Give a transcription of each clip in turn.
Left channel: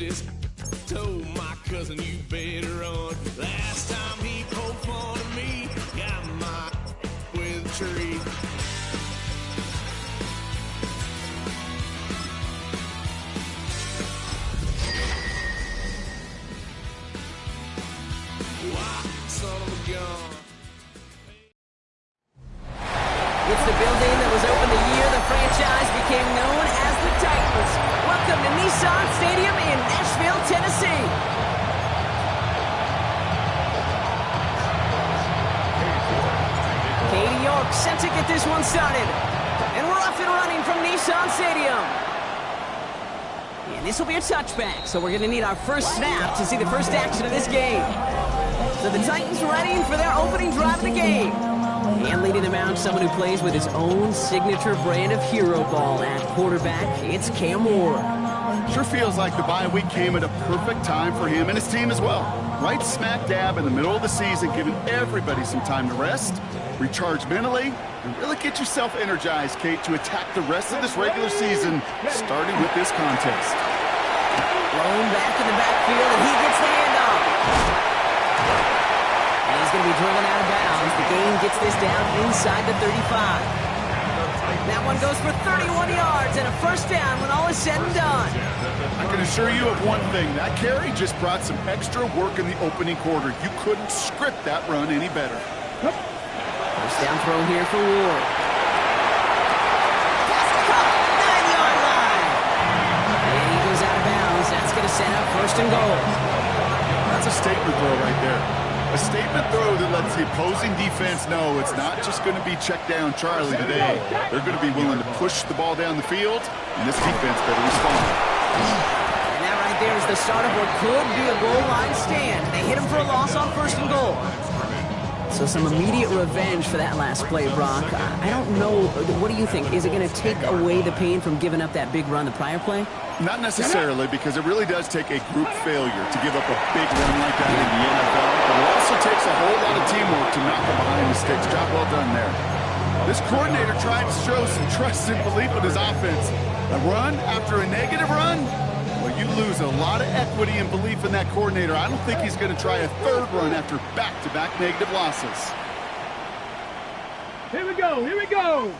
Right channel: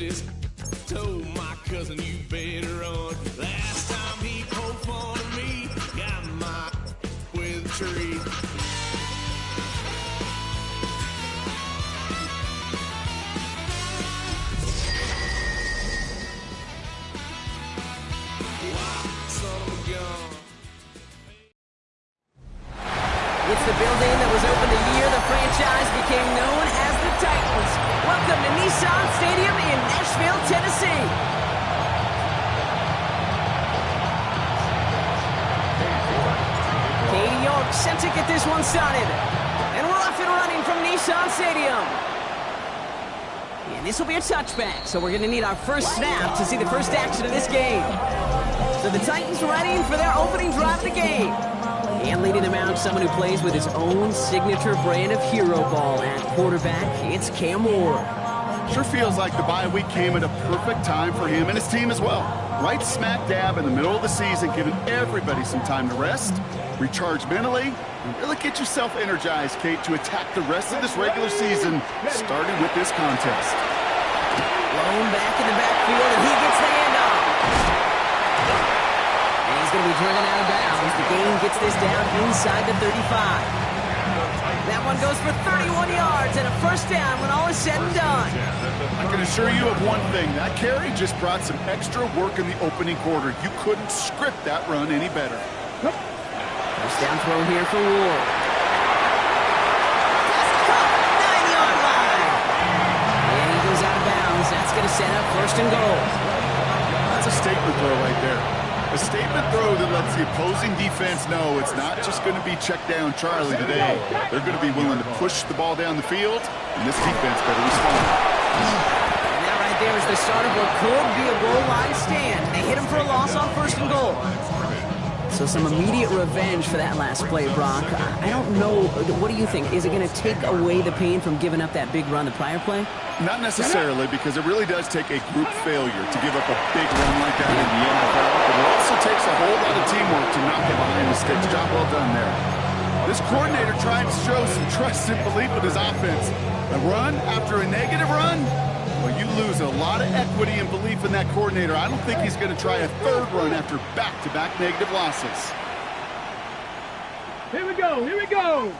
this. Told my cousin you better run. Last time he poked fun at me, got my with a tree. Son of a gun. It's the building that was opened the year the franchise became known as the Titans. Welcome to Nissan Stadium in Nashville, Tennessee. Katie York set to get this one started. And we're off and running from Nissan Stadium. And this will be a touchback, so we're going to need our first snap to see the first action of this game. So the Titans ready for their opening drive of the game. And leading them out, someone who plays with his own signature brand of hero ball at quarterback, it's Cam Ward. Sure feels like the bye week came at a perfect time for him and his team as well. Right smack dab in the middle of the season, giving everybody some time to rest, recharge mentally, and really get yourself energized, Kate, to attack the rest of this regular season, starting with this contest. Blown back in the backfield, and he gets the handoff. And he's going to be driven out of bounds. The gain gets this down inside the 35. That one goes for 31 yards and a first down when all is said and done. I can assure you of one thing. That carry just brought some extra work in the opening quarter. You couldn't script that run any better. First down throw here for Ward. Pass caught, 9-yard line. And he goes out of bounds. That's going to set up first and goal. That's a statement throw right there. A statement throw that lets the opposing defense know it's not just going to be check down Charlie today. They're going to be willing to push the ball down the field, and this defense better respond. And that right there is the start of what could be a goal line stand. They hit him for a loss on first and goal. So some immediate revenge for that last play, Brock. I don't know. What do you think? Is it going to take away the pain from giving up that big run the prior play? Not necessarily, because it really does take a group failure to give up a big run like that in the NFL. But it also takes a whole lot of teamwork to knock it behind the sticks. Job well done there. This coordinator tried to show some trust and belief in his offense. A run after a negative run? Well, you lose a lot of equity and belief in that coordinator. I don't think he's going to try a third run after back-to-back negative losses. Here we go, here we go.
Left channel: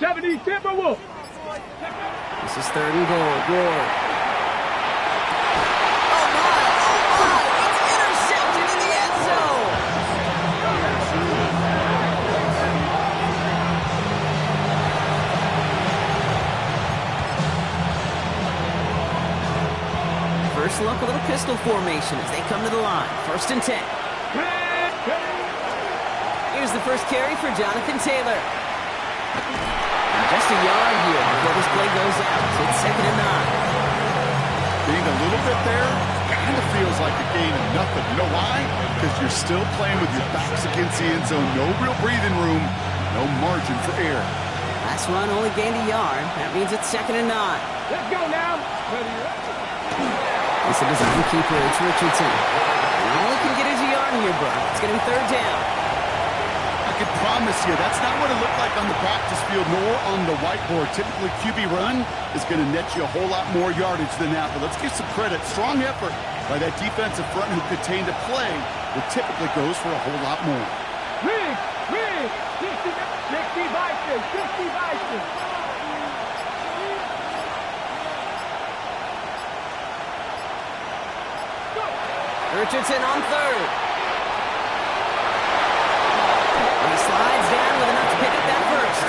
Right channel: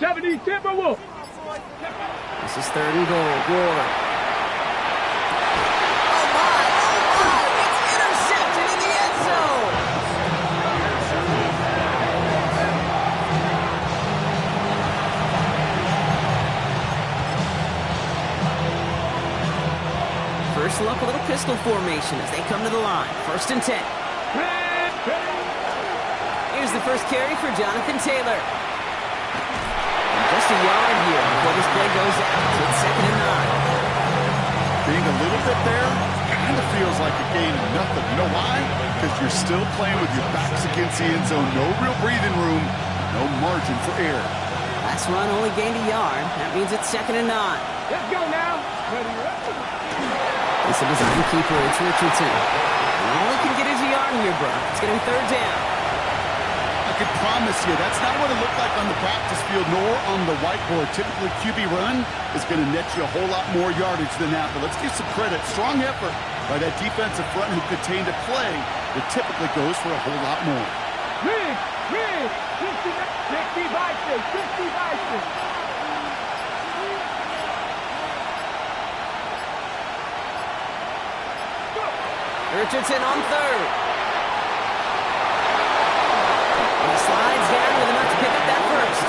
70 Timberwolves. This is third and goal. Ward. Oh my, it's intercepted in the end zone. First look, a little pistol formation as they come to the line. First and 10. Here's the first carry for Jonathan Taylor. And just a yard here before this play goes out. It's second and 9. Being a little bit there kind of feels like a gain of nothing. You know why? Because you're still playing with your backs against the end zone. No real breathing room. No margin for error. Last run only gained a yard. That means it's second and 9. Let's go now. It's a design keeper. It's Richardson. And all he can get is a yard here, Brock. It's going to be third down. I can promise you that's not what it looked like on the practice field nor on the whiteboard. Typically, QB run is going to net you a whole lot more yardage than that. But let's give some credit. Strong effort by that defensive front who contained a play that typically goes for a whole lot more. Rig, 60 Bison, 60 Bison. Richardson on third. And he slides down with enough to pick up that first.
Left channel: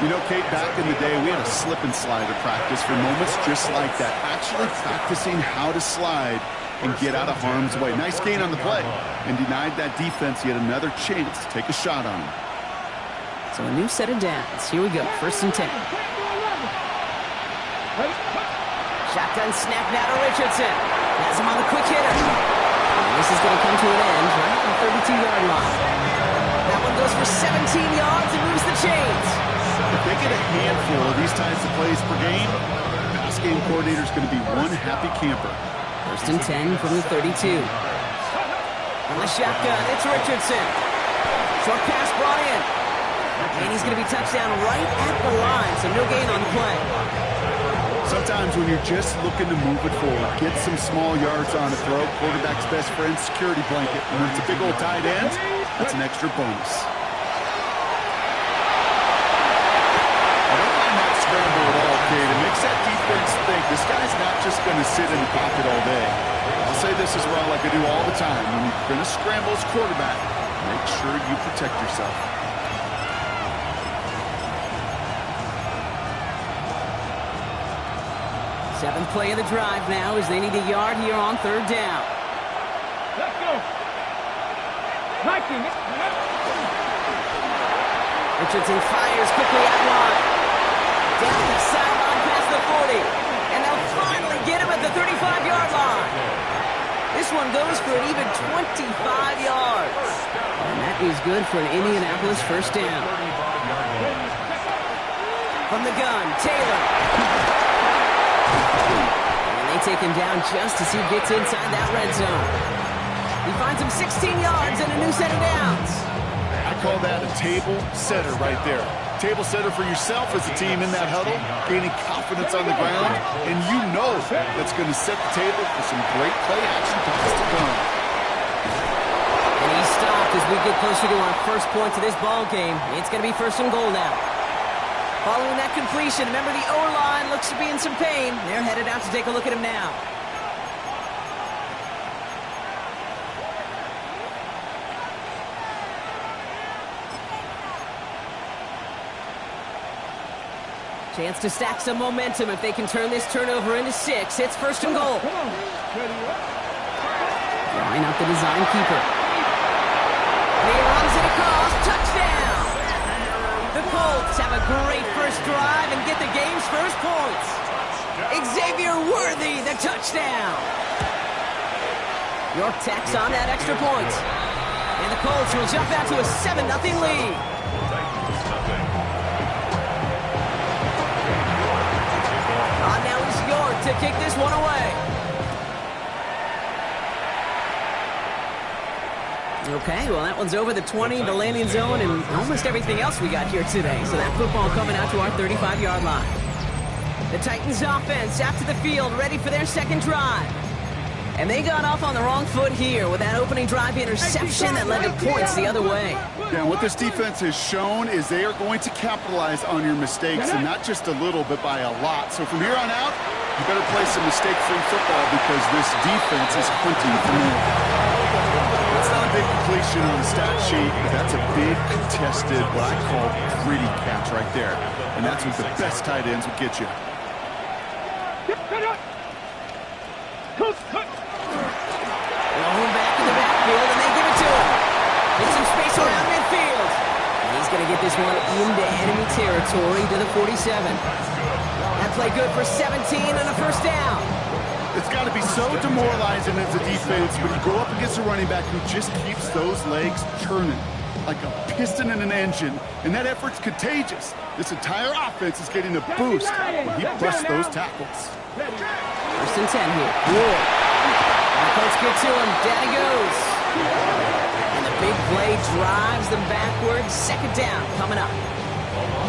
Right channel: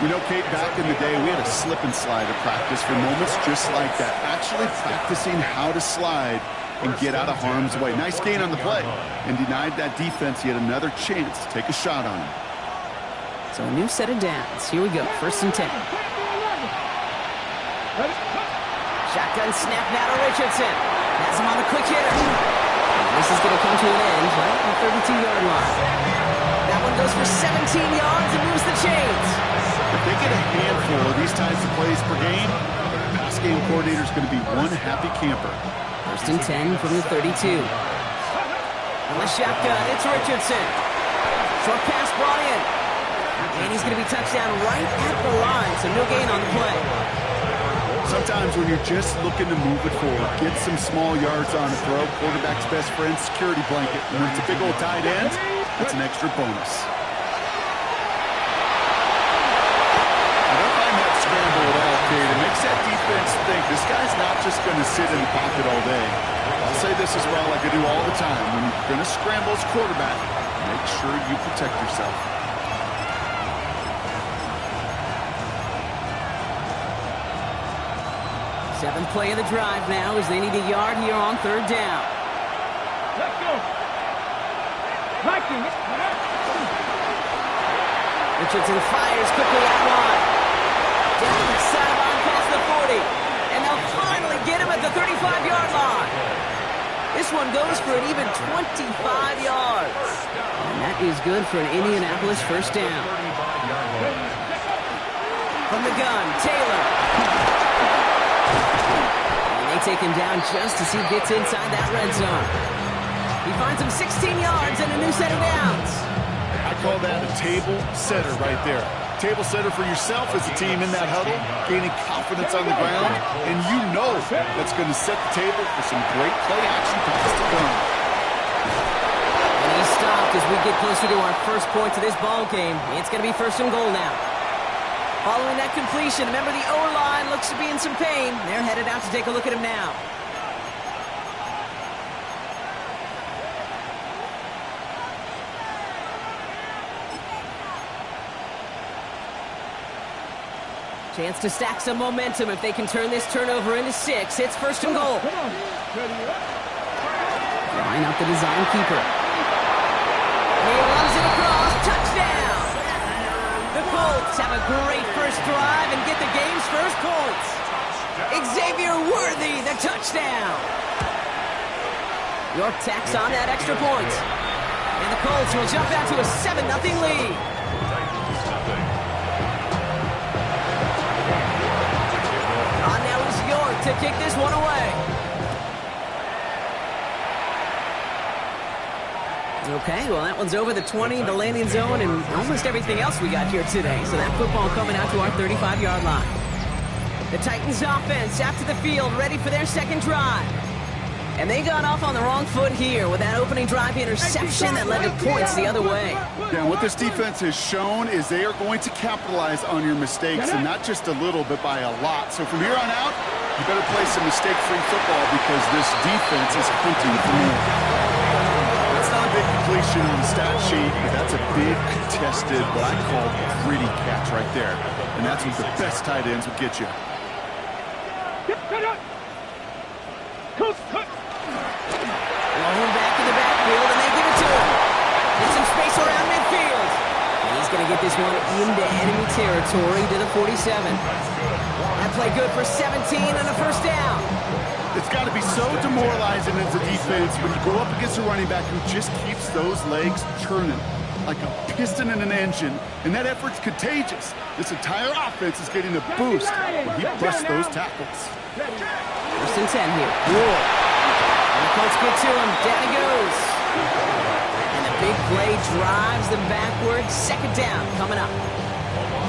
You know, Kate, back in the day, we had a slip and slide at practice for moments just like that. Actually practicing how to slide and get out of harm's way. Nice gain on the play and denied that defense yet another chance to take a shot on him. So a new set of downs. Here we go. First and 10. Shotgun snap now to Richardson. Has him on the quick hitter. And this is going to come to an end right on the 32-yard line. That one goes for 17 yards and moves the chains. If they get a handful of these types of plays per game, the pass game coordinator is going to be one happy camper. First and 10 from the 32. On the shotgun, it's Richardson. Short pass brought in. And he's going to be touched down right at the line, so no gain on the play. Sometimes when you're just looking to move it forward, get some small yards on a throw, quarterback's best friend, security blanket. And when it's a big old tight end, that's an extra bonus. I don't mind that scramble at all, Kate. It makes that defense think this guy's not just going to sit in the pocket all day. I'll say this as well, like I do all the time. When you're going to scramble as quarterback, make sure you protect yourself. Seventh play of the drive now as they need a yard here on third down. Let's go. Hiking. Richardson fires quickly out wide. Down the sideline past the 40. And they'll finally get him at the 35-yard line. This one goes for an even 25 yards. And that is good for an Indianapolis first down. From the gun, Taylor. And they take him down just as he gets inside that red zone. He finds him 16 yards and a new set of downs. I call that a table setter right there. Table setter for yourself as a team in that huddle, gaining confidence on the ground, and you know that's going to set the table for some great play-action passes to come. And he's stopped as we get closer to our first point to this ball game. It's going to be first and goal now. Following that completion, remember the O-line looks to be in some pain. They're headed out to take a look at him now. Chance to stack some momentum if they can turn this turnover into 6. It's first and goal. Line up the design keeper. And he runs it across. Touchdown! The Colts have a great first drive and get the game's first points. Xavier Worthy, the touchdown. York tacks on that extra point. And the Colts will jump out to a 7-0 lead. On now is York to kick this one away. Okay, well, that one's over the 20, the landing zone, and almost everything else we got here today. So that football coming out to our 35-yard line. The Titans offense after the field, ready for their second drive. And they got off on the wrong foot here with that opening drive interception that led to points the other way. Yeah, and what this defense has shown is they are going to capitalize on your mistakes, and not just a little, but by a lot. So from here on out, you better play some mistake-free football because this defense is hunting for more. That's not a big completion on the stat sheet, but that's a big contested, what I call gritty catch right there. And that's what the best tight ends would get you. Blown back in the backfield, and they give it to him. Get some space around midfield. And he's going to get this one into enemy territory to the 47. That play good for 17 and a first down. It's got to be so demoralizing as a defense when you go up against a running back who just keeps those legs churning like a piston in an engine, and that effort's contagious. This entire offense is getting a boost when he busts those tackles. First and 10 here. Ward. And the Colts get to him. Down he goes. And the big play drives them backwards. Second down coming up.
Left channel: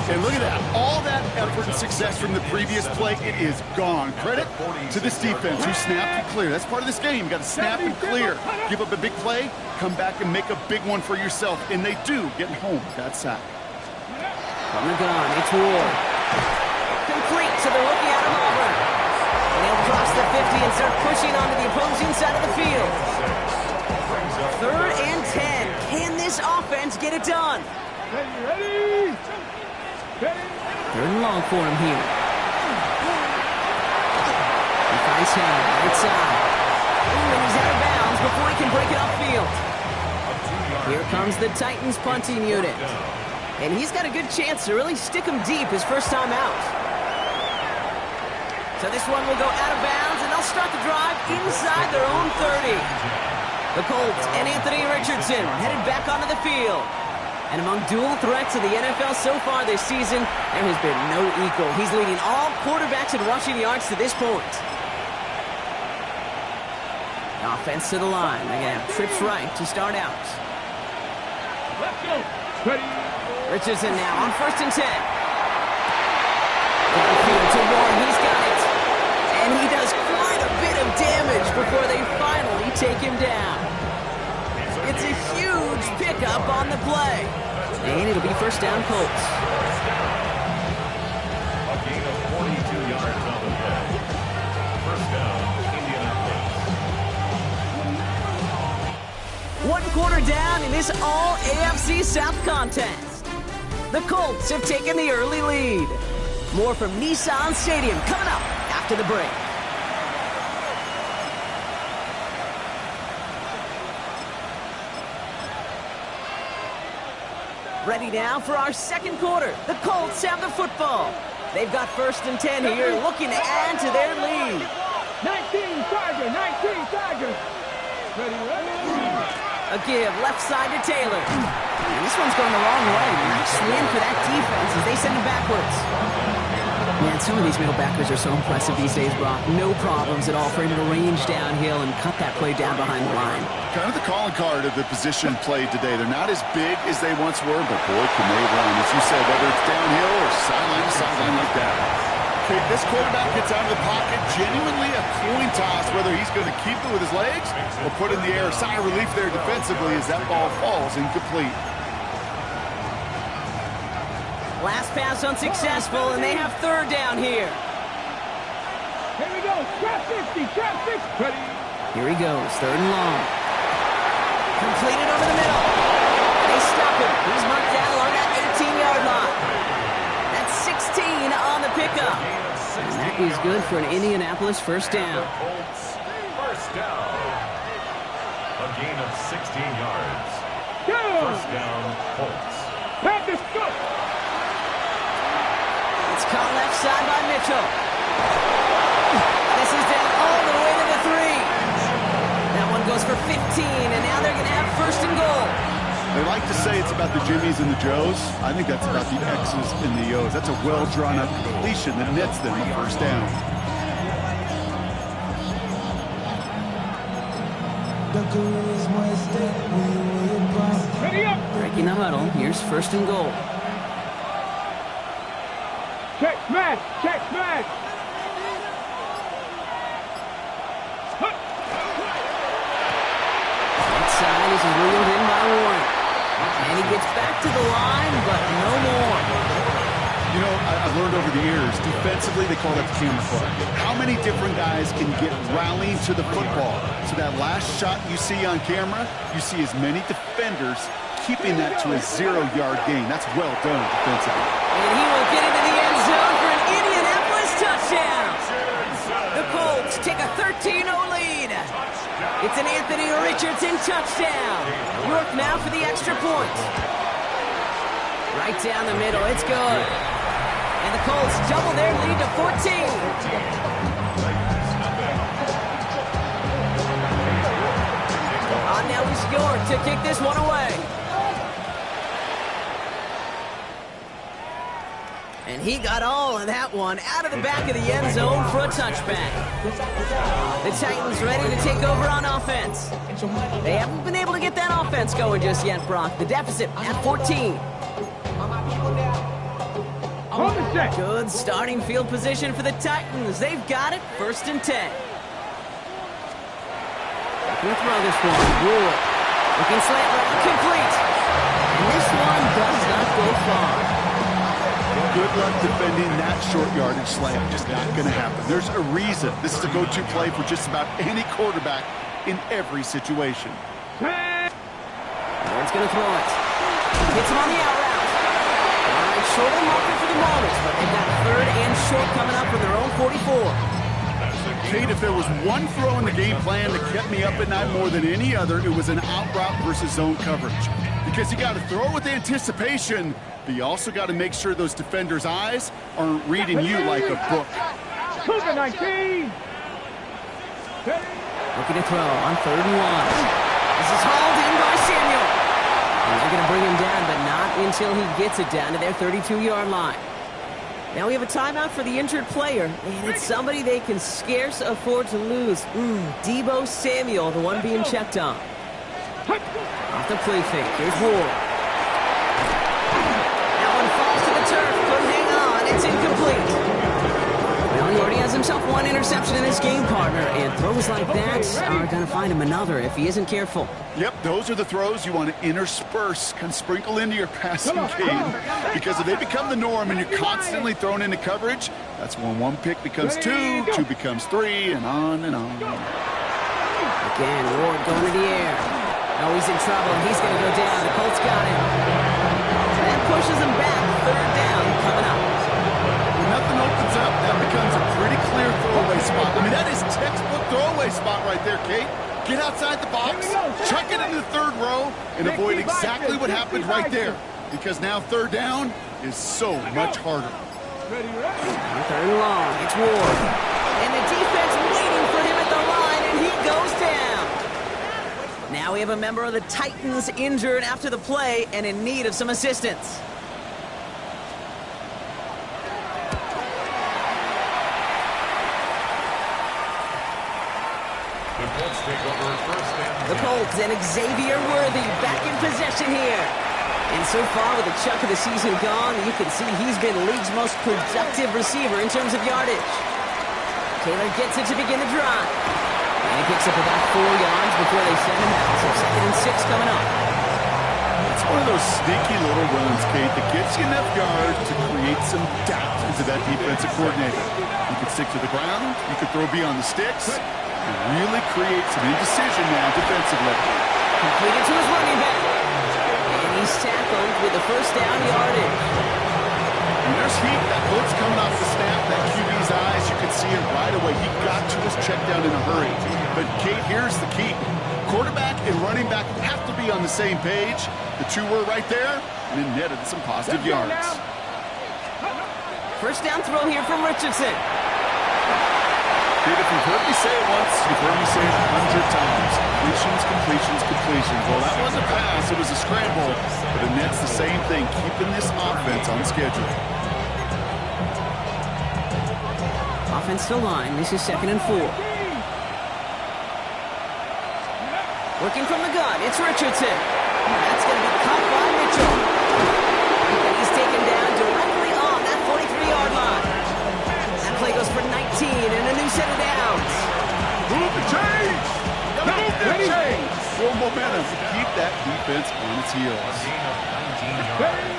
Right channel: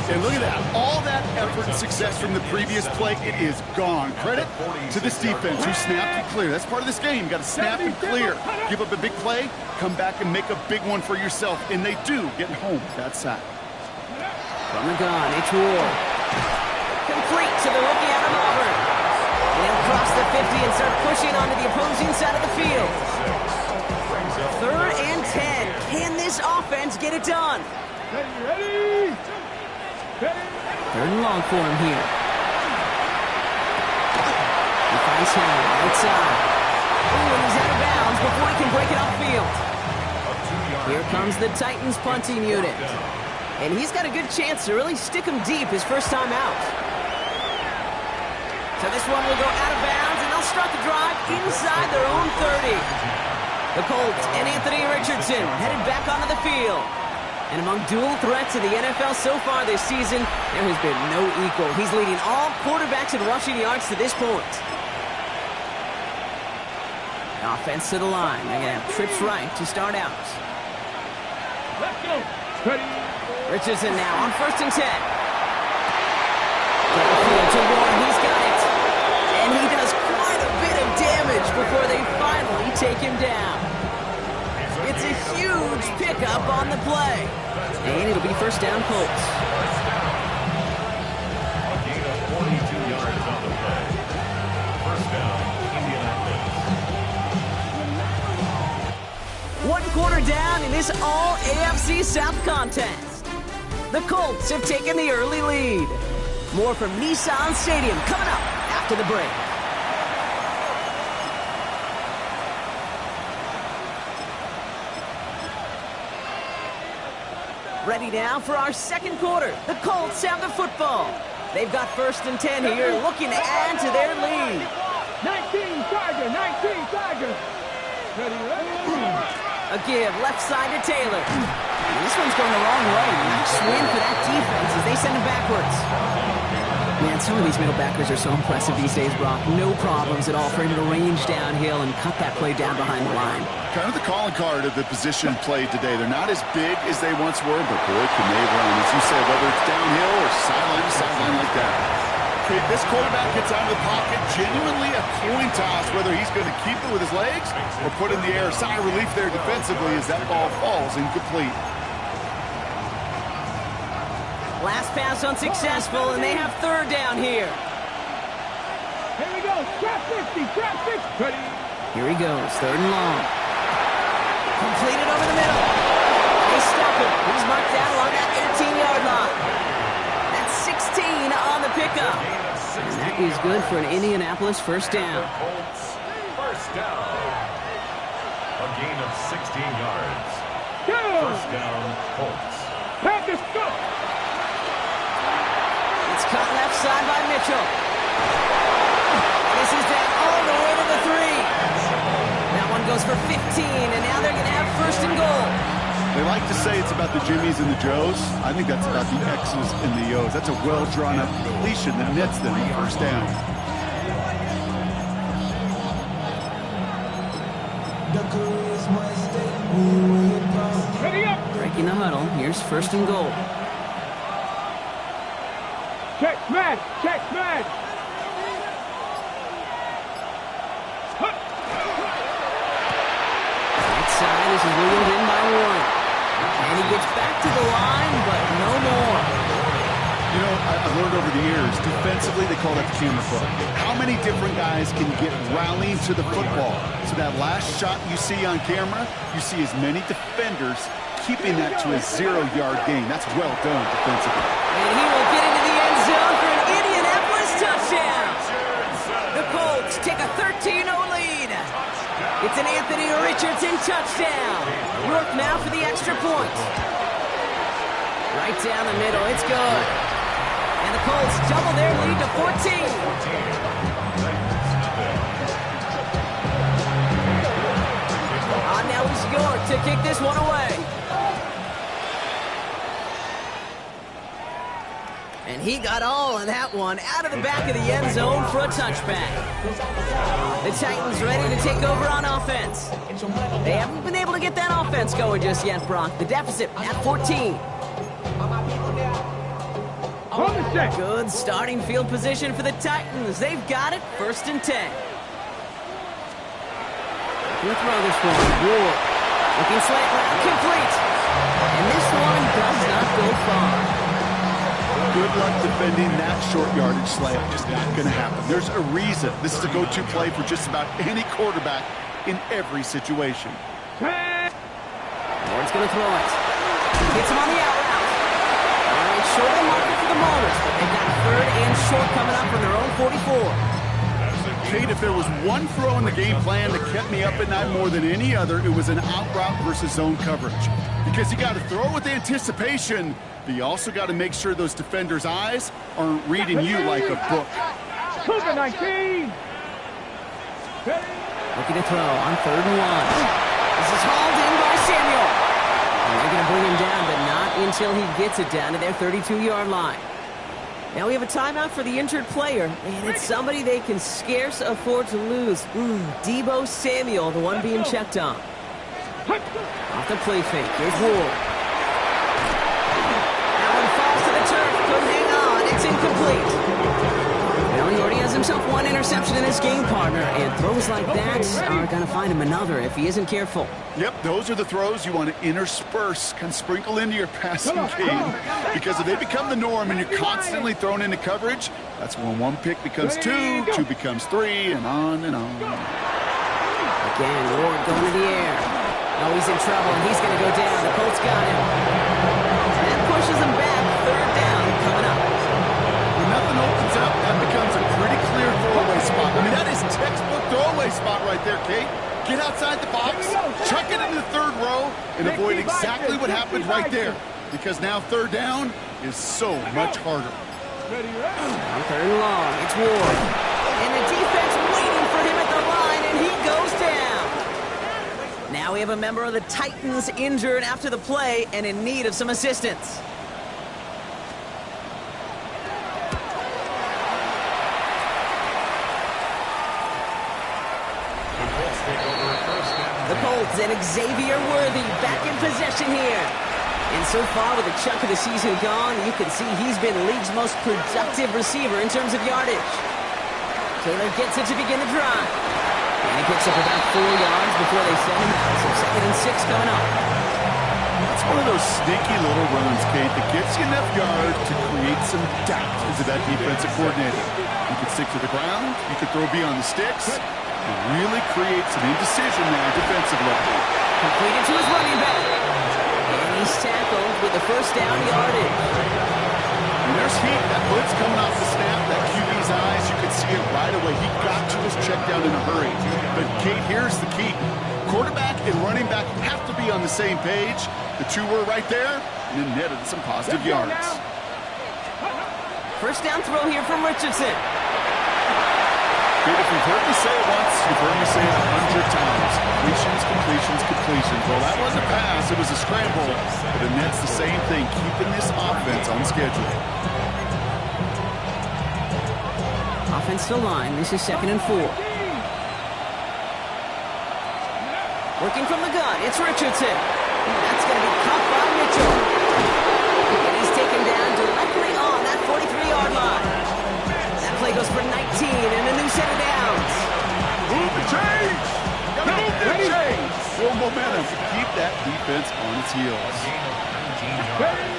And look at that. All that effort and success from the previous play, it is gone. Credit to this defense who snapped and clear. That's part of this game. You got to snap and clear. Give up a big play, come back and make a big one for yourself. And they do, getting home with that sack. From the gun, it's Ward. Complete to the rookie out of Auburn. And he'll cross the 50 and start pushing onto the opposing side of the field. Third and 10. Can this offense get it done? Ready? Third and long for him here. He finds Hill, right side. Ooh, and he's out of bounds before he can break it upfield. Here comes the Titans punting unit. And he's got a good chance to really stick him deep his first time out. So this one will go out of bounds, and they'll start the drive inside their own 30. The Colts and Anthony Richardson headed back onto the field. And among dual threats of the NFL so far this season, there has been no equal. He's leading all quarterbacks in rushing yards to this point. Offense to the line. They're going to have trips right to start out. Let's go. Ready? Richardson now on first and 10. Downfield to Warren. He's got it. And he does quite a bit of damage before they finally take him down. It's a huge pickup on the play. And it'll be first down, Colts. A gain of 42 yards on the play. First down, Indianapolis. 1 quarter down in this all-AFC South contest. The Colts have taken the early lead. More from Nissan Stadium coming up after the break. Ready now for our second quarter. The Colts have the football. They've got 1st and 10 here, looking to add to their lead. 19 Tigers, 19 Tigers. Ready. A give left side to Taylor. And this one's going the wrong way. Nice win for that defense as they send him backwards. Man, some of these middle backers are so impressive these days, Brock. No problems at all for him to range downhill and cut that play down behind the line. Kind of the calling card of the position played today. They're not as big as they once were, but boy, can they run. As you said, whether it's downhill or sideline to sideline like that. Okay, this quarterback gets out of the pocket, genuinely a coin toss, whether he's going to keep it with his legs or put it in the air. Sigh of relief there defensively as that ball falls incomplete. Last pass unsuccessful, and they have 3rd down here. Here we go. Trap 50, trap 50. Ready. Here he goes, 3rd and long. Completed over the middle. They stop him. He's marked down along that 18-yard line. That's 16 on the pickup. And that is good for an Indianapolis first down. Colts, first down. A gain of 16 yards. Go. First down, Colts. Panthers, go. It's caught left side by Mitchell. This is down all the way to the 3. That one goes for 15, and now they're going to have 1st and goal. They like to say it's about the Jimmies and the Joes. I think that's about the X's and the O's. That's a well-drawn-up completion that nets them a first down. Ready up. Breaking the huddle. Here's 1st and goal. Check smash, check smash. Right side is reeled in by Warren. And he gets back to the line, but no more. You know, I've learned over the years, defensively, they call that the camera club. How many different guys can get rallying to the football? So that last shot you see on camera, you see as many defenders keeping that to a 0-yard gain. That's well done defensively. And he will get into the end zone for an Indianapolis touchdown. The Colts take a 13-0 lead. It's an Anthony Richardson touchdown. York now for the extra point. Right down the middle, it's good. And the Colts double their lead to 14. Now is York to kick this one away. And he got all of that one out of the back of the end zone for a touchback. The Titans ready to take over on offense. They haven't been able to get that offense going just yet, Brock. The deficit at 14. Good starting field position for the Titans. They've got it, 1st and 10. We'll throw this one. Ward. Looking slant route, complete. And this one does not go far. Good luck defending that short yardage slant. Just not going to happen. There's a reason. This is a go-to play for just about any quarterback in every situation. Ward's going to throw it. Hits him on the out route. All right, short of the marker for the moment, but they've got a 3rd and short coming up from their own 44. Kate, if there was one throw in the game plan that kept me up at night more than any other, it was an out route versus zone coverage. Because you got to throw with anticipation, but you also got to make sure those defenders' eyes aren't reading you like a book. Cougar 19. Looking to throw on 3rd and 1. This is hauled in by Samuel. And they're going to bring him down, but not until he gets it down to their 32-yard line. Now we have a timeout for the injured player, and it's somebody they can scarce afford to lose. Deebo Samuel, the one being checked on. Off the play fake, here's Ward. That one falls to the turf, couldn't hang on, it's incomplete. Well, he already has himself one interception in this game, partner, and throws like that are going to find him another if he isn't careful. Yep, those are the throws you want to intersperse, kind of sprinkle into your passing game, because if they become the norm and you're constantly thrown into coverage, that's when one pick becomes two, two becomes three, and on and on. Again, Ward going to the air. Oh, he's in trouble, and he's going to go down. The Colts got him. That pushes him back. Third down coming up. When nothing opens up, that becomes a pretty clear throwaway spot. I mean, that is textbook throwaway spot right there, Kate. Get outside the box, chuck it into the third row, and avoid exactly what happened right there. Because now third down is so much harder. On third and long, it's Ward. And the defense waiting for him at the line, and he goes down. Now we have a member of the Titans injured after the play and in need of some assistance. The Colts take over at first and The Colts and Xavier Worthy back in possession here. And so far, with a chunk of the season gone, you can see he's been the league's most productive receiver in terms of yardage. Taylor gets it to begin the drive. And he picks up about 4 yards before they send him out. So 2nd and 6 coming up. It's one of those sneaky little runs, Kate, that gets you enough yards to create some doubt into that defensive coordinator. You could stick to the ground, you could throw beyond the sticks, and really create some indecision now defensively. Completed to his running back. And he's tackled with the first down yardage. When there's heat, that blitz coming off the snap, that QB's eyes, you could see it right away. He got to his check down in a hurry. But, Kate, here's the key. Quarterback and running back have to be on the same page. The two were right there, and it netted some positive yards. First down throw here from Richardson. Kate, if you've heard me say it once, you've heard me say it 100 times. Completions, completions, completions. Well, that wasn't a pass, it was a scramble. But it nets the same thing, keeping this offense on schedule. Offense to line. This is 2nd and 4. Working from the gun, it's Richardson. That's going to be caught by Mitchell. And he's taken down directly on that 43-yard line. That play goes for 19 and a new set of downs. Move the chains! Move the chains! Build momentum to keep that defense on its heels. a gain of 19 yards.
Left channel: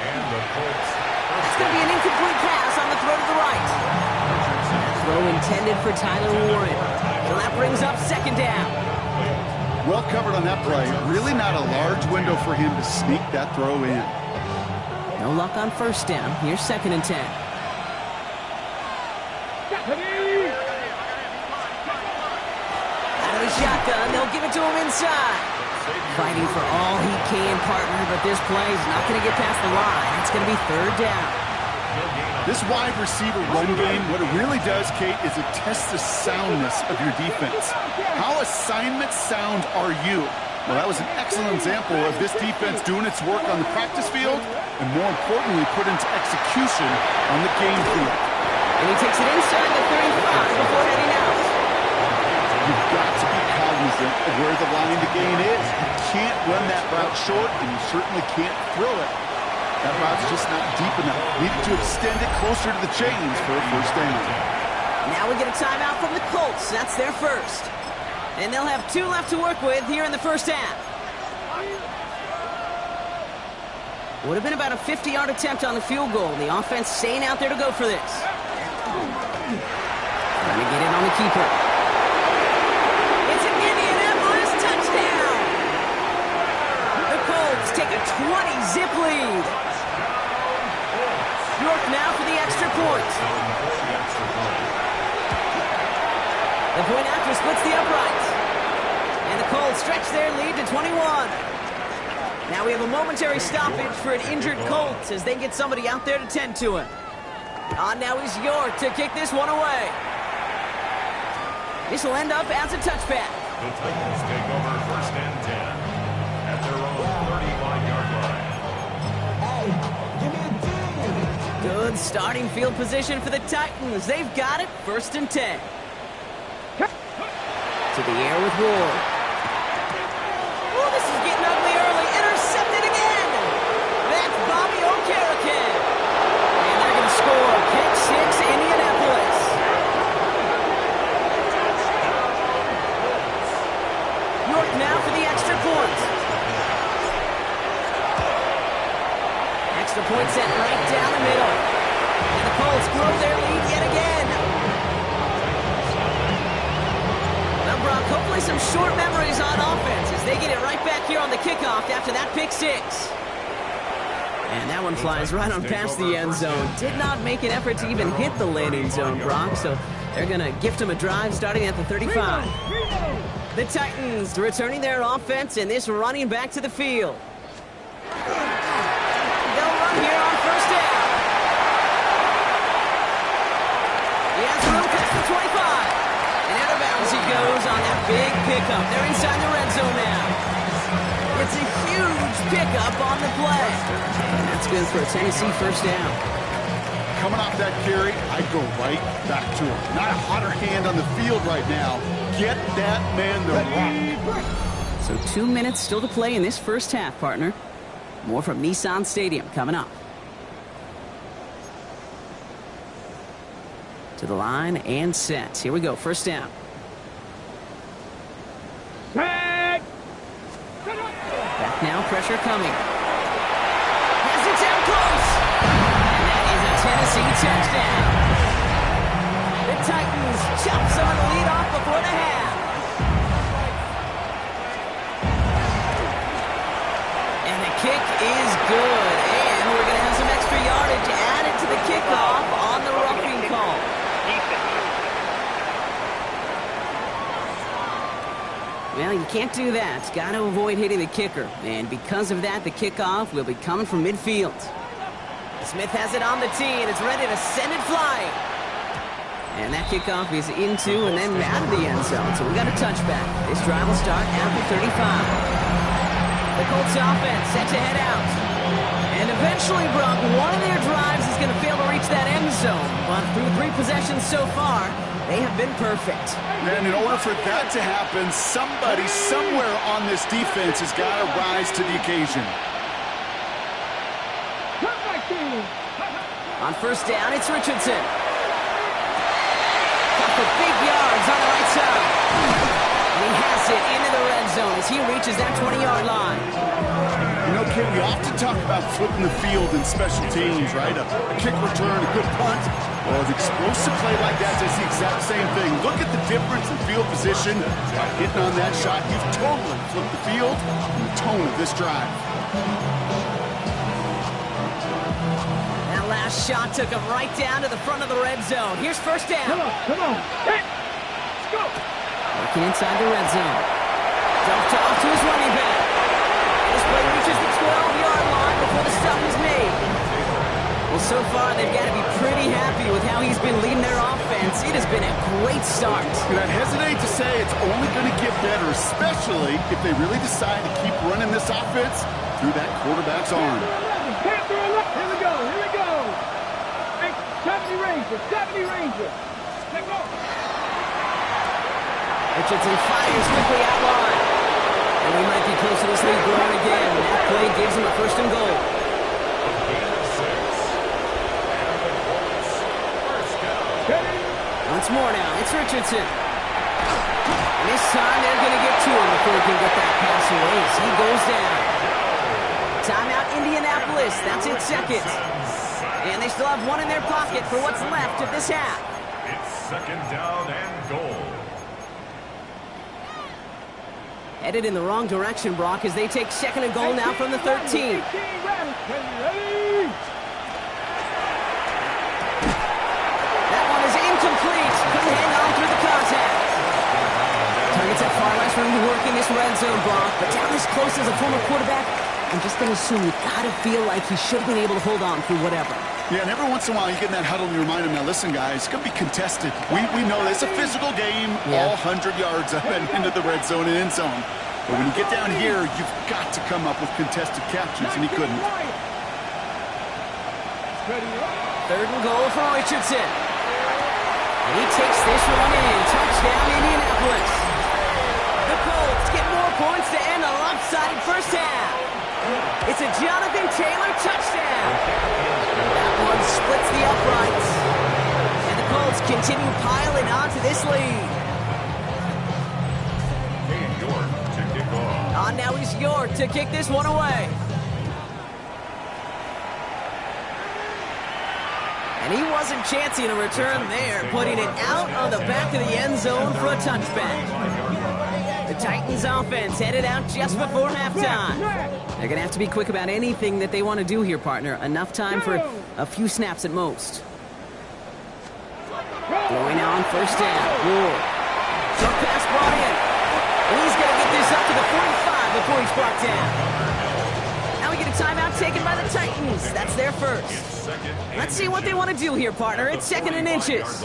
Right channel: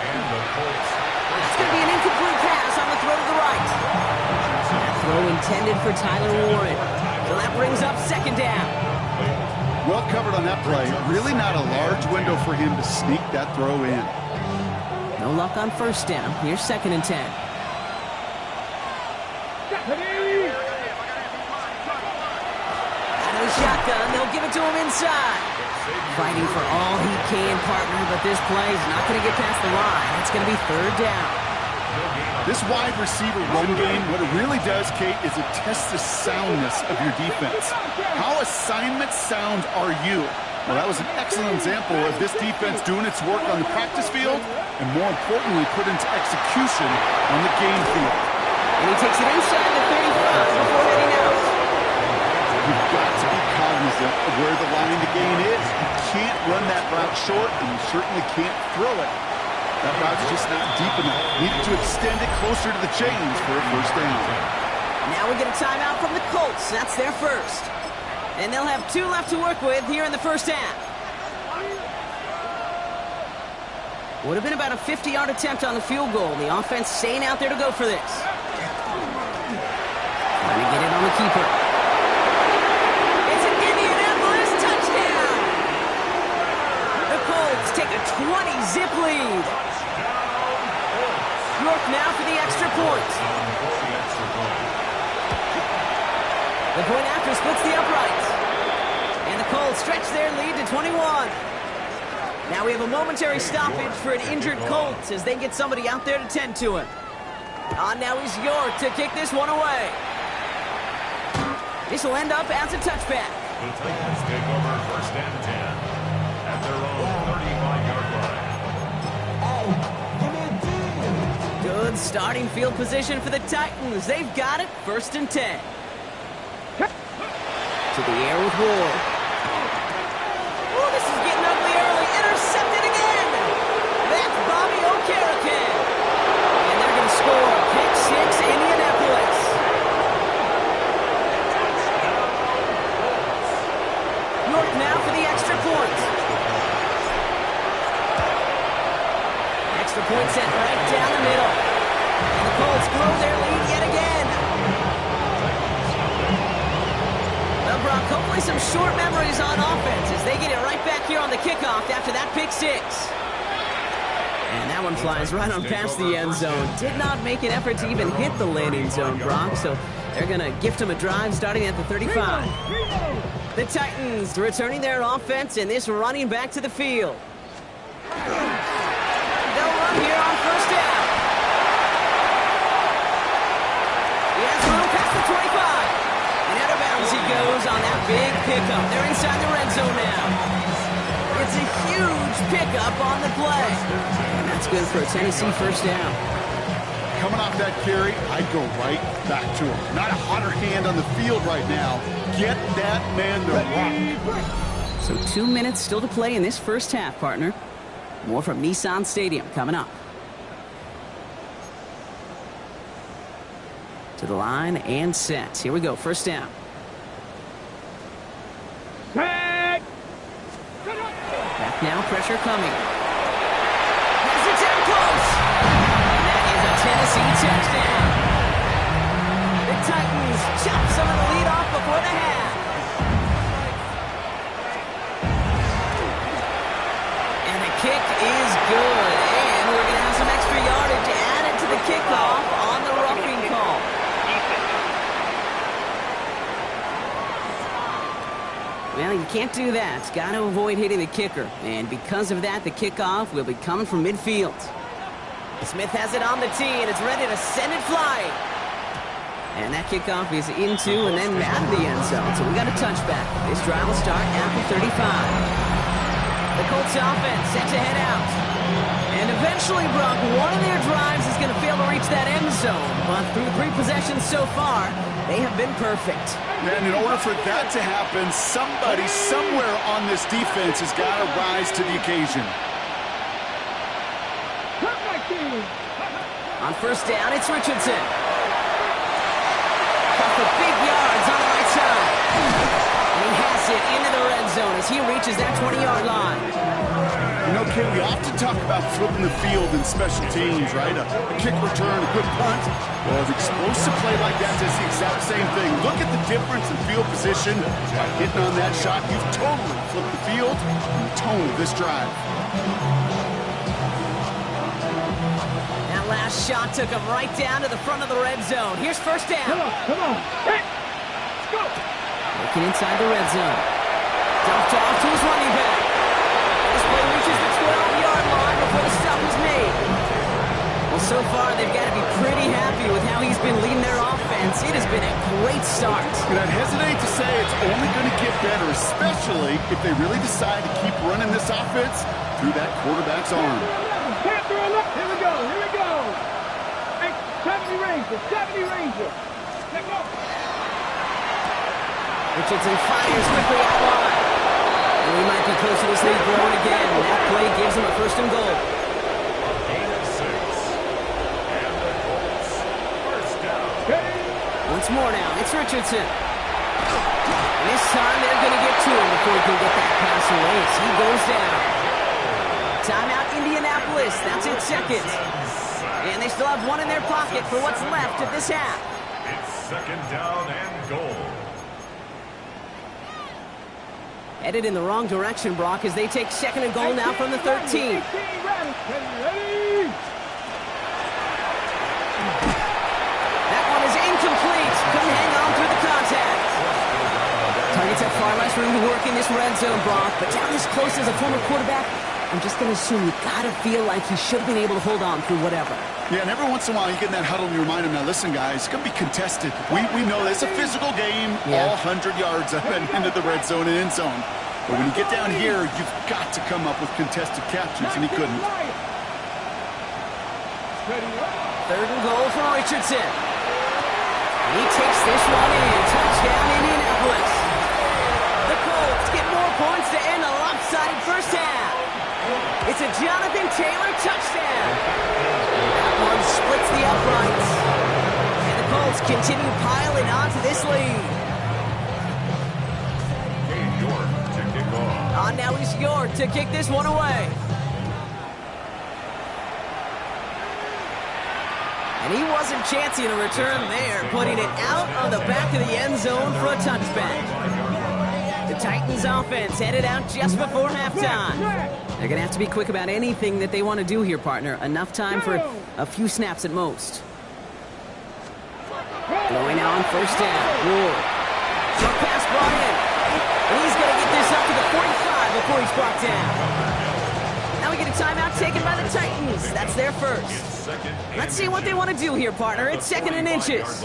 And the Colts. That's going to be an incomplete pass on the throw to the right. That throw intended for Tyler Warren. So that brings up 2nd down. Well covered on that play. Really not a large window for him to sneak that throw in. No luck on first down. Here's 2nd and 10. Out of the shotgun, they'll give it to him inside. Fighting for all he can, partner, but this play is not going to get past the line. It's going to be 3rd down. This wide receiver run game, what it really does, Kate, is it tests the soundness of your defense. How assignment sound are you? Well, that was an excellent example of this defense doing its work on the practice field and, more importantly, put into execution on the game field. And he takes it inside the 35 before heading out. You've got to be cognizant of where the line to gain is. You can't run that route short, and you certainly can't throw it. That route's just not deep enough. Needed to extend it closer to the chains for a first down. Now we get a timeout from the Colts. That's their first. And they'll have 2 left to work with here in the first half. Would have been about a 50-yard attempt on the field goal. The offense staying out there to go for this. Trying to get it on the keeper. It's an Indianapolis touchdown! The Colts take a 20-zip lead. York now for the extra point. The point after splits the uprights. And the Colts stretch their lead to 21. Now we have a momentary stoppage for an injured Colts as they get somebody out there to tend to him. On now is York to kick this one away. This will end up as a touchback. The Titans take over 1st and 10 at their own 35-yard line. Good starting field position for the Titans. They've got it. 1st and 10. To the air with Ward. Oh, this is getting ugly early. Intercepted again. That's Bobby Okereke. And they're going to score. Pick 6, Indianapolis. point sent right down the middle. And the Colts grow their lead yet again. Well, Brock, hopefully some short memories on offense as they get it right back here on the kickoff after that pick six. And that one flies right on past the end zone. Did not make an effort to even hit the landing zone, Brock, so they're going to gift him a drive starting at the 35. The Titans returning their offense and this running back to the field. They'll run here on first down. He has room past the 25. And out of bounds he goes on that big pickup. They're inside the red zone now. It's a huge pickup on the play. And that's good for a Tennessee first down. Coming off that carry, I'd go right back to him. Not a hotter hand on the field right now. Get that man the rock. So 2 minutes still to play in this first half, partner. More from Nissan Stadium coming up. To the line and set. Here we go, first down. Tag! Back now, pressure coming. Has it down close. And that is a Tennessee touchdown. The Titans chop some of the lead off before the half. And the kick is good. And we're going to have some extra yardage added to the kickoff on the roughing call. Well, you can't do that. Got to avoid hitting the kicker. And because of that, the kickoff will be coming from midfield. Smith has it on the tee, and it's ready to send it flying. And that kickoff is into and then out of the end zone. So we got a touchback. This drive will start at the 35. The Colts offense set to head out. And eventually, Brock, one of their drives is going to fail to reach that end zone. But through 3 possessions so far, they have been perfect. And in order for that to happen, somebody somewhere on this defense has got to rise to the occasion. On first down, it's Richardson. Caught for big yards on the right side. And he has it into the red zone as he reaches that 20-yard line. You know, Ken, we often talk about flipping the field in special teams, right? A kick return, a good punt. Well, an explosive play like that does the exact same thing. Look at the difference in field position. By hitting on that shot, you've totally flipped the field and the tone of this drive. That last shot took him right down to the front of the red zone. Here's first down. Come on. Hey, let's go. Working inside the red zone. Dumped off to his running back. And this play reaches the 12-yard line before the stop is made. Well, so far, they've got to be pretty happy with how he's been leading their offense. It has been a great start. And I'd hesitate to say it's only going to get better, especially if they really decide to keep running this offense through that quarterback's arm. Here we go. Hey, 70 Ranger. Let's go. Richardson fires quickly out wide. And we might be close to this lead growing again. That play gives him a first and goal. A gain of 6. And the Colts first down. Once more now, it's Richardson. And this time they're going to get to him before he can get that pass away as he goes down. Timeout Indianapolis, that's its second. And they still have one in their pocket for what's left of this half. It's second down and goal. Headed in the wrong direction, Brock, as they take second and goal now from the 13. Ready. That one is incomplete. Couldn't hang on through the contact. Targets have far less room to work in this red zone, Brock. But down this close as a former quarterback, I'm just going to assume you got to feel like he should have been able to hold on through whatever. Yeah, and every once in a while you get in that huddle and you remind him, now listen, guys, it's going to be contested. We know it's a physical game, all 100 yards up and into the red zone and end zone. But when you get down here, you've got to come up with contested captures, and he couldn't. Third and goal for Richardson. And he takes this one in. Touchdown, Indianapolis. The Colts get more points to end a lopsided first half. It's a Jonathan Taylor touchdown. That one splits the uprights. And the Colts continue piling onto this lead. Cade York to kick off. On now is York to kick this one away. And he wasn't chancing a return there, putting it out on the back of the end zone for a touchback. The Titans offense headed out just before halftime. They're going to have to be quick about anything that they want to do here, partner. Enough time for a few snaps at most. Throwing now on first down. Ward. Short pass brought in. And he's going to get this up to the 45 before he's brought down. Now we get a timeout taken by the Titans. That's their first. Let's see what they want to do here, partner. It's second and inches.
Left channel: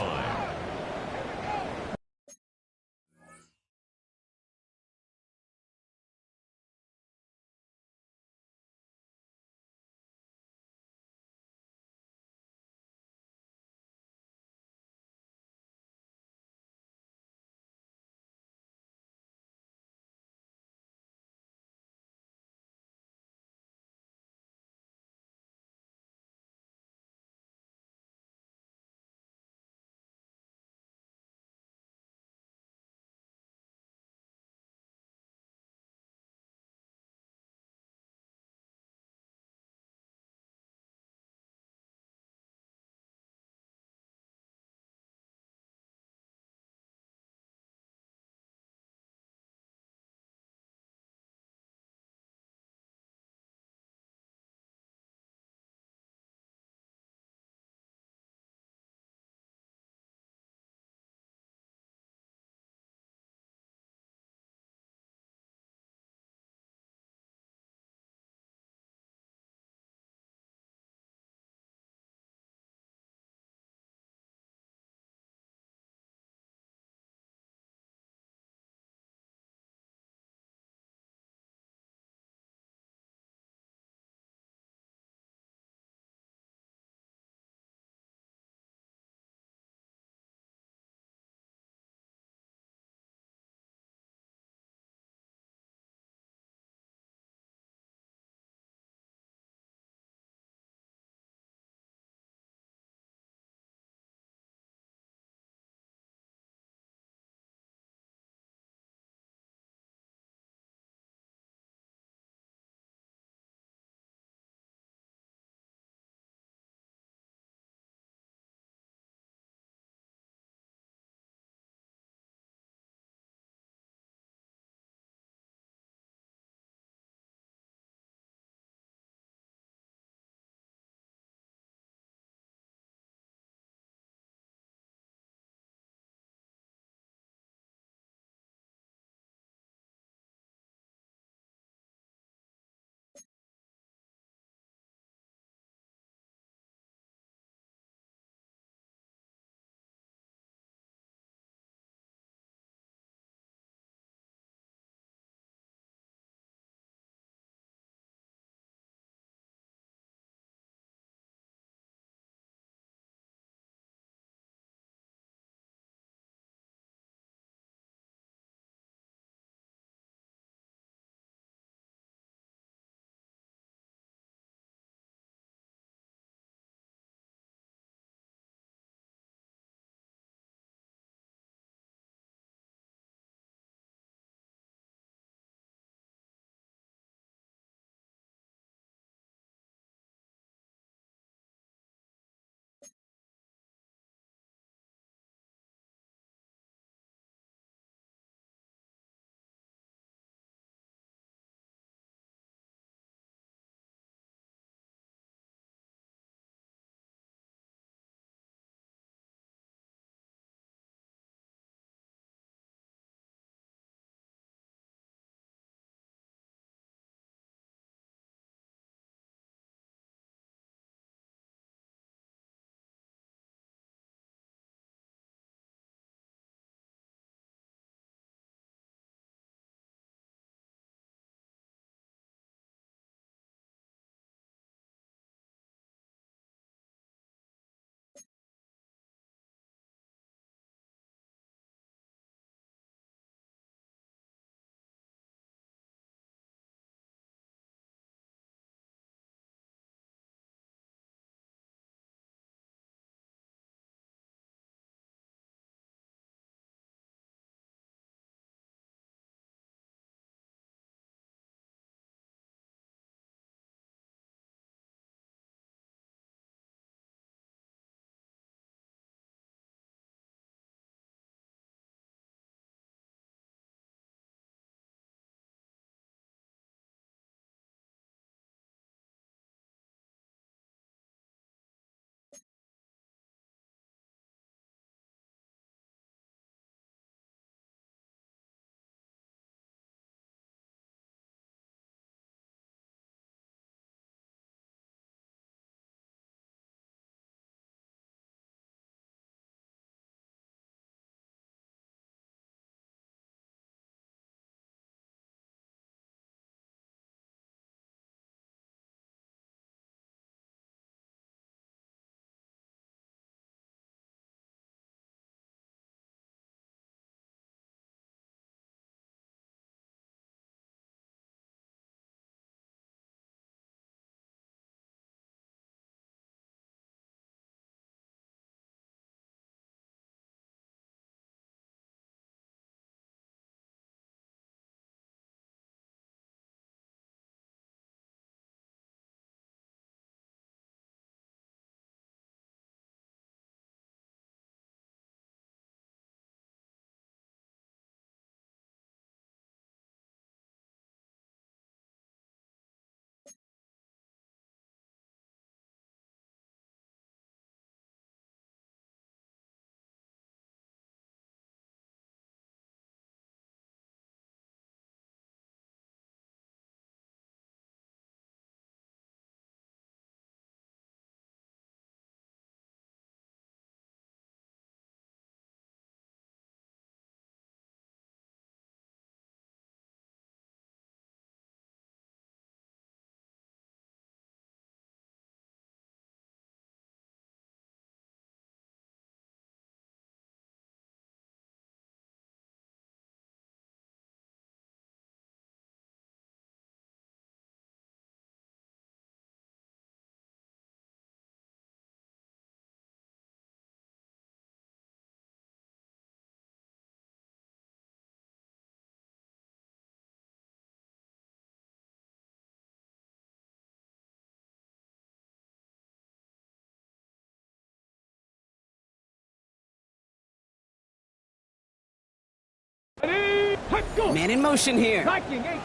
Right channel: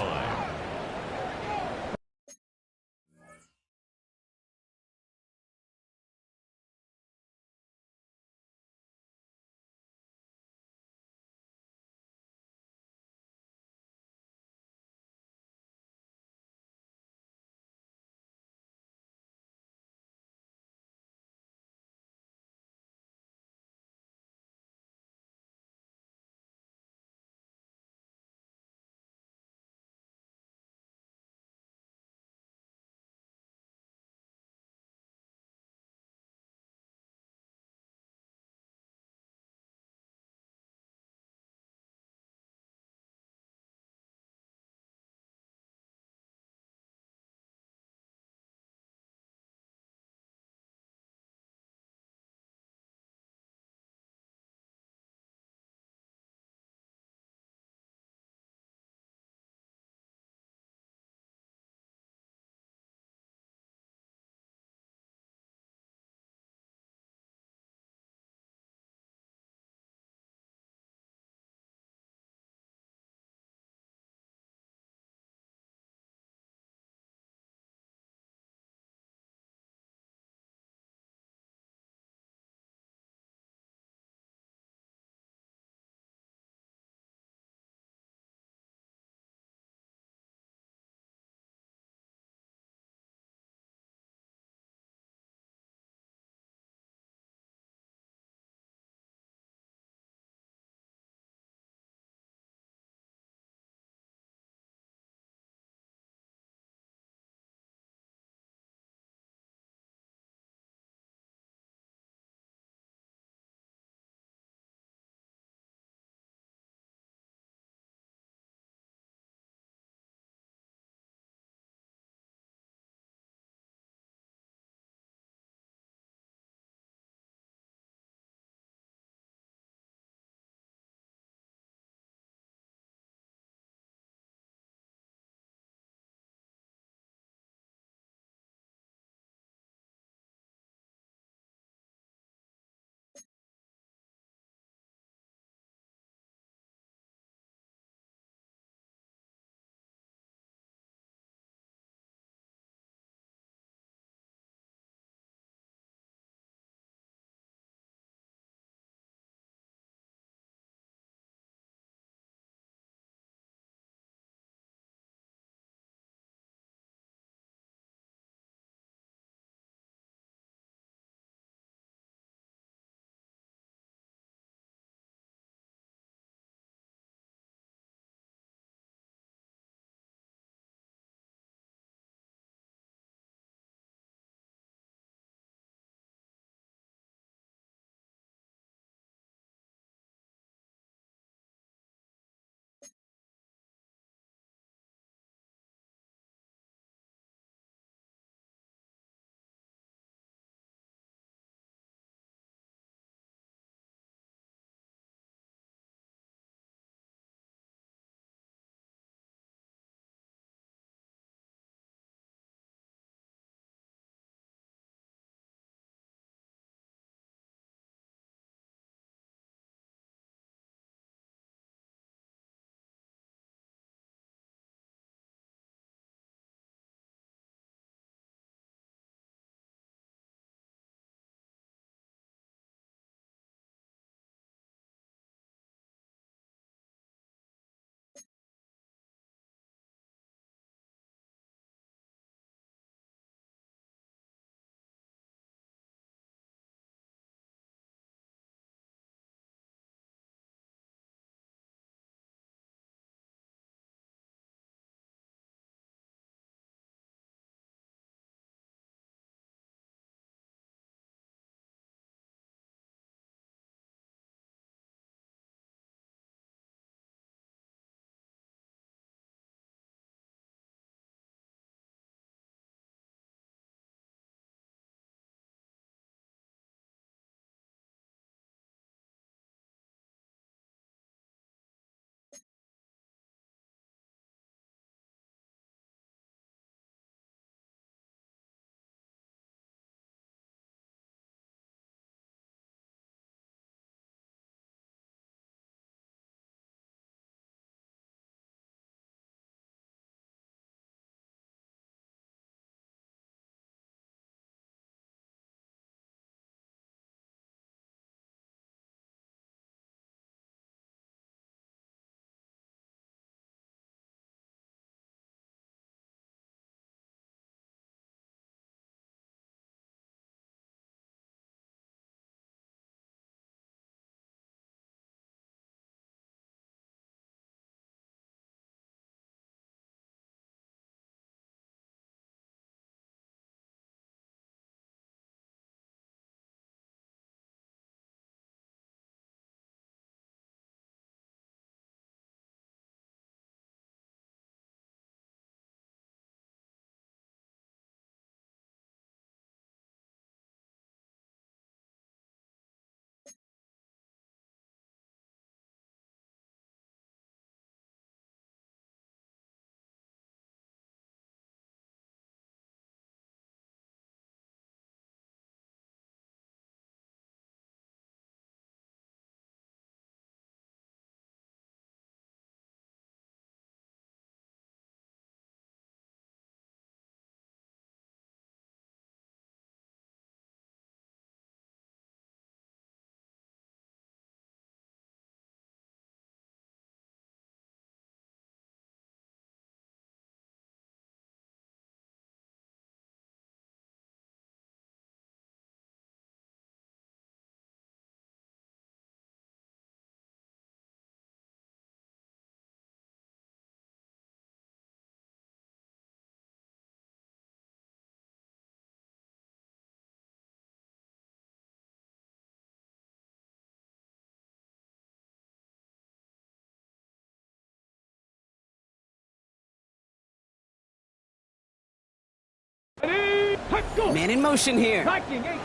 Man in motion here. Viking 8.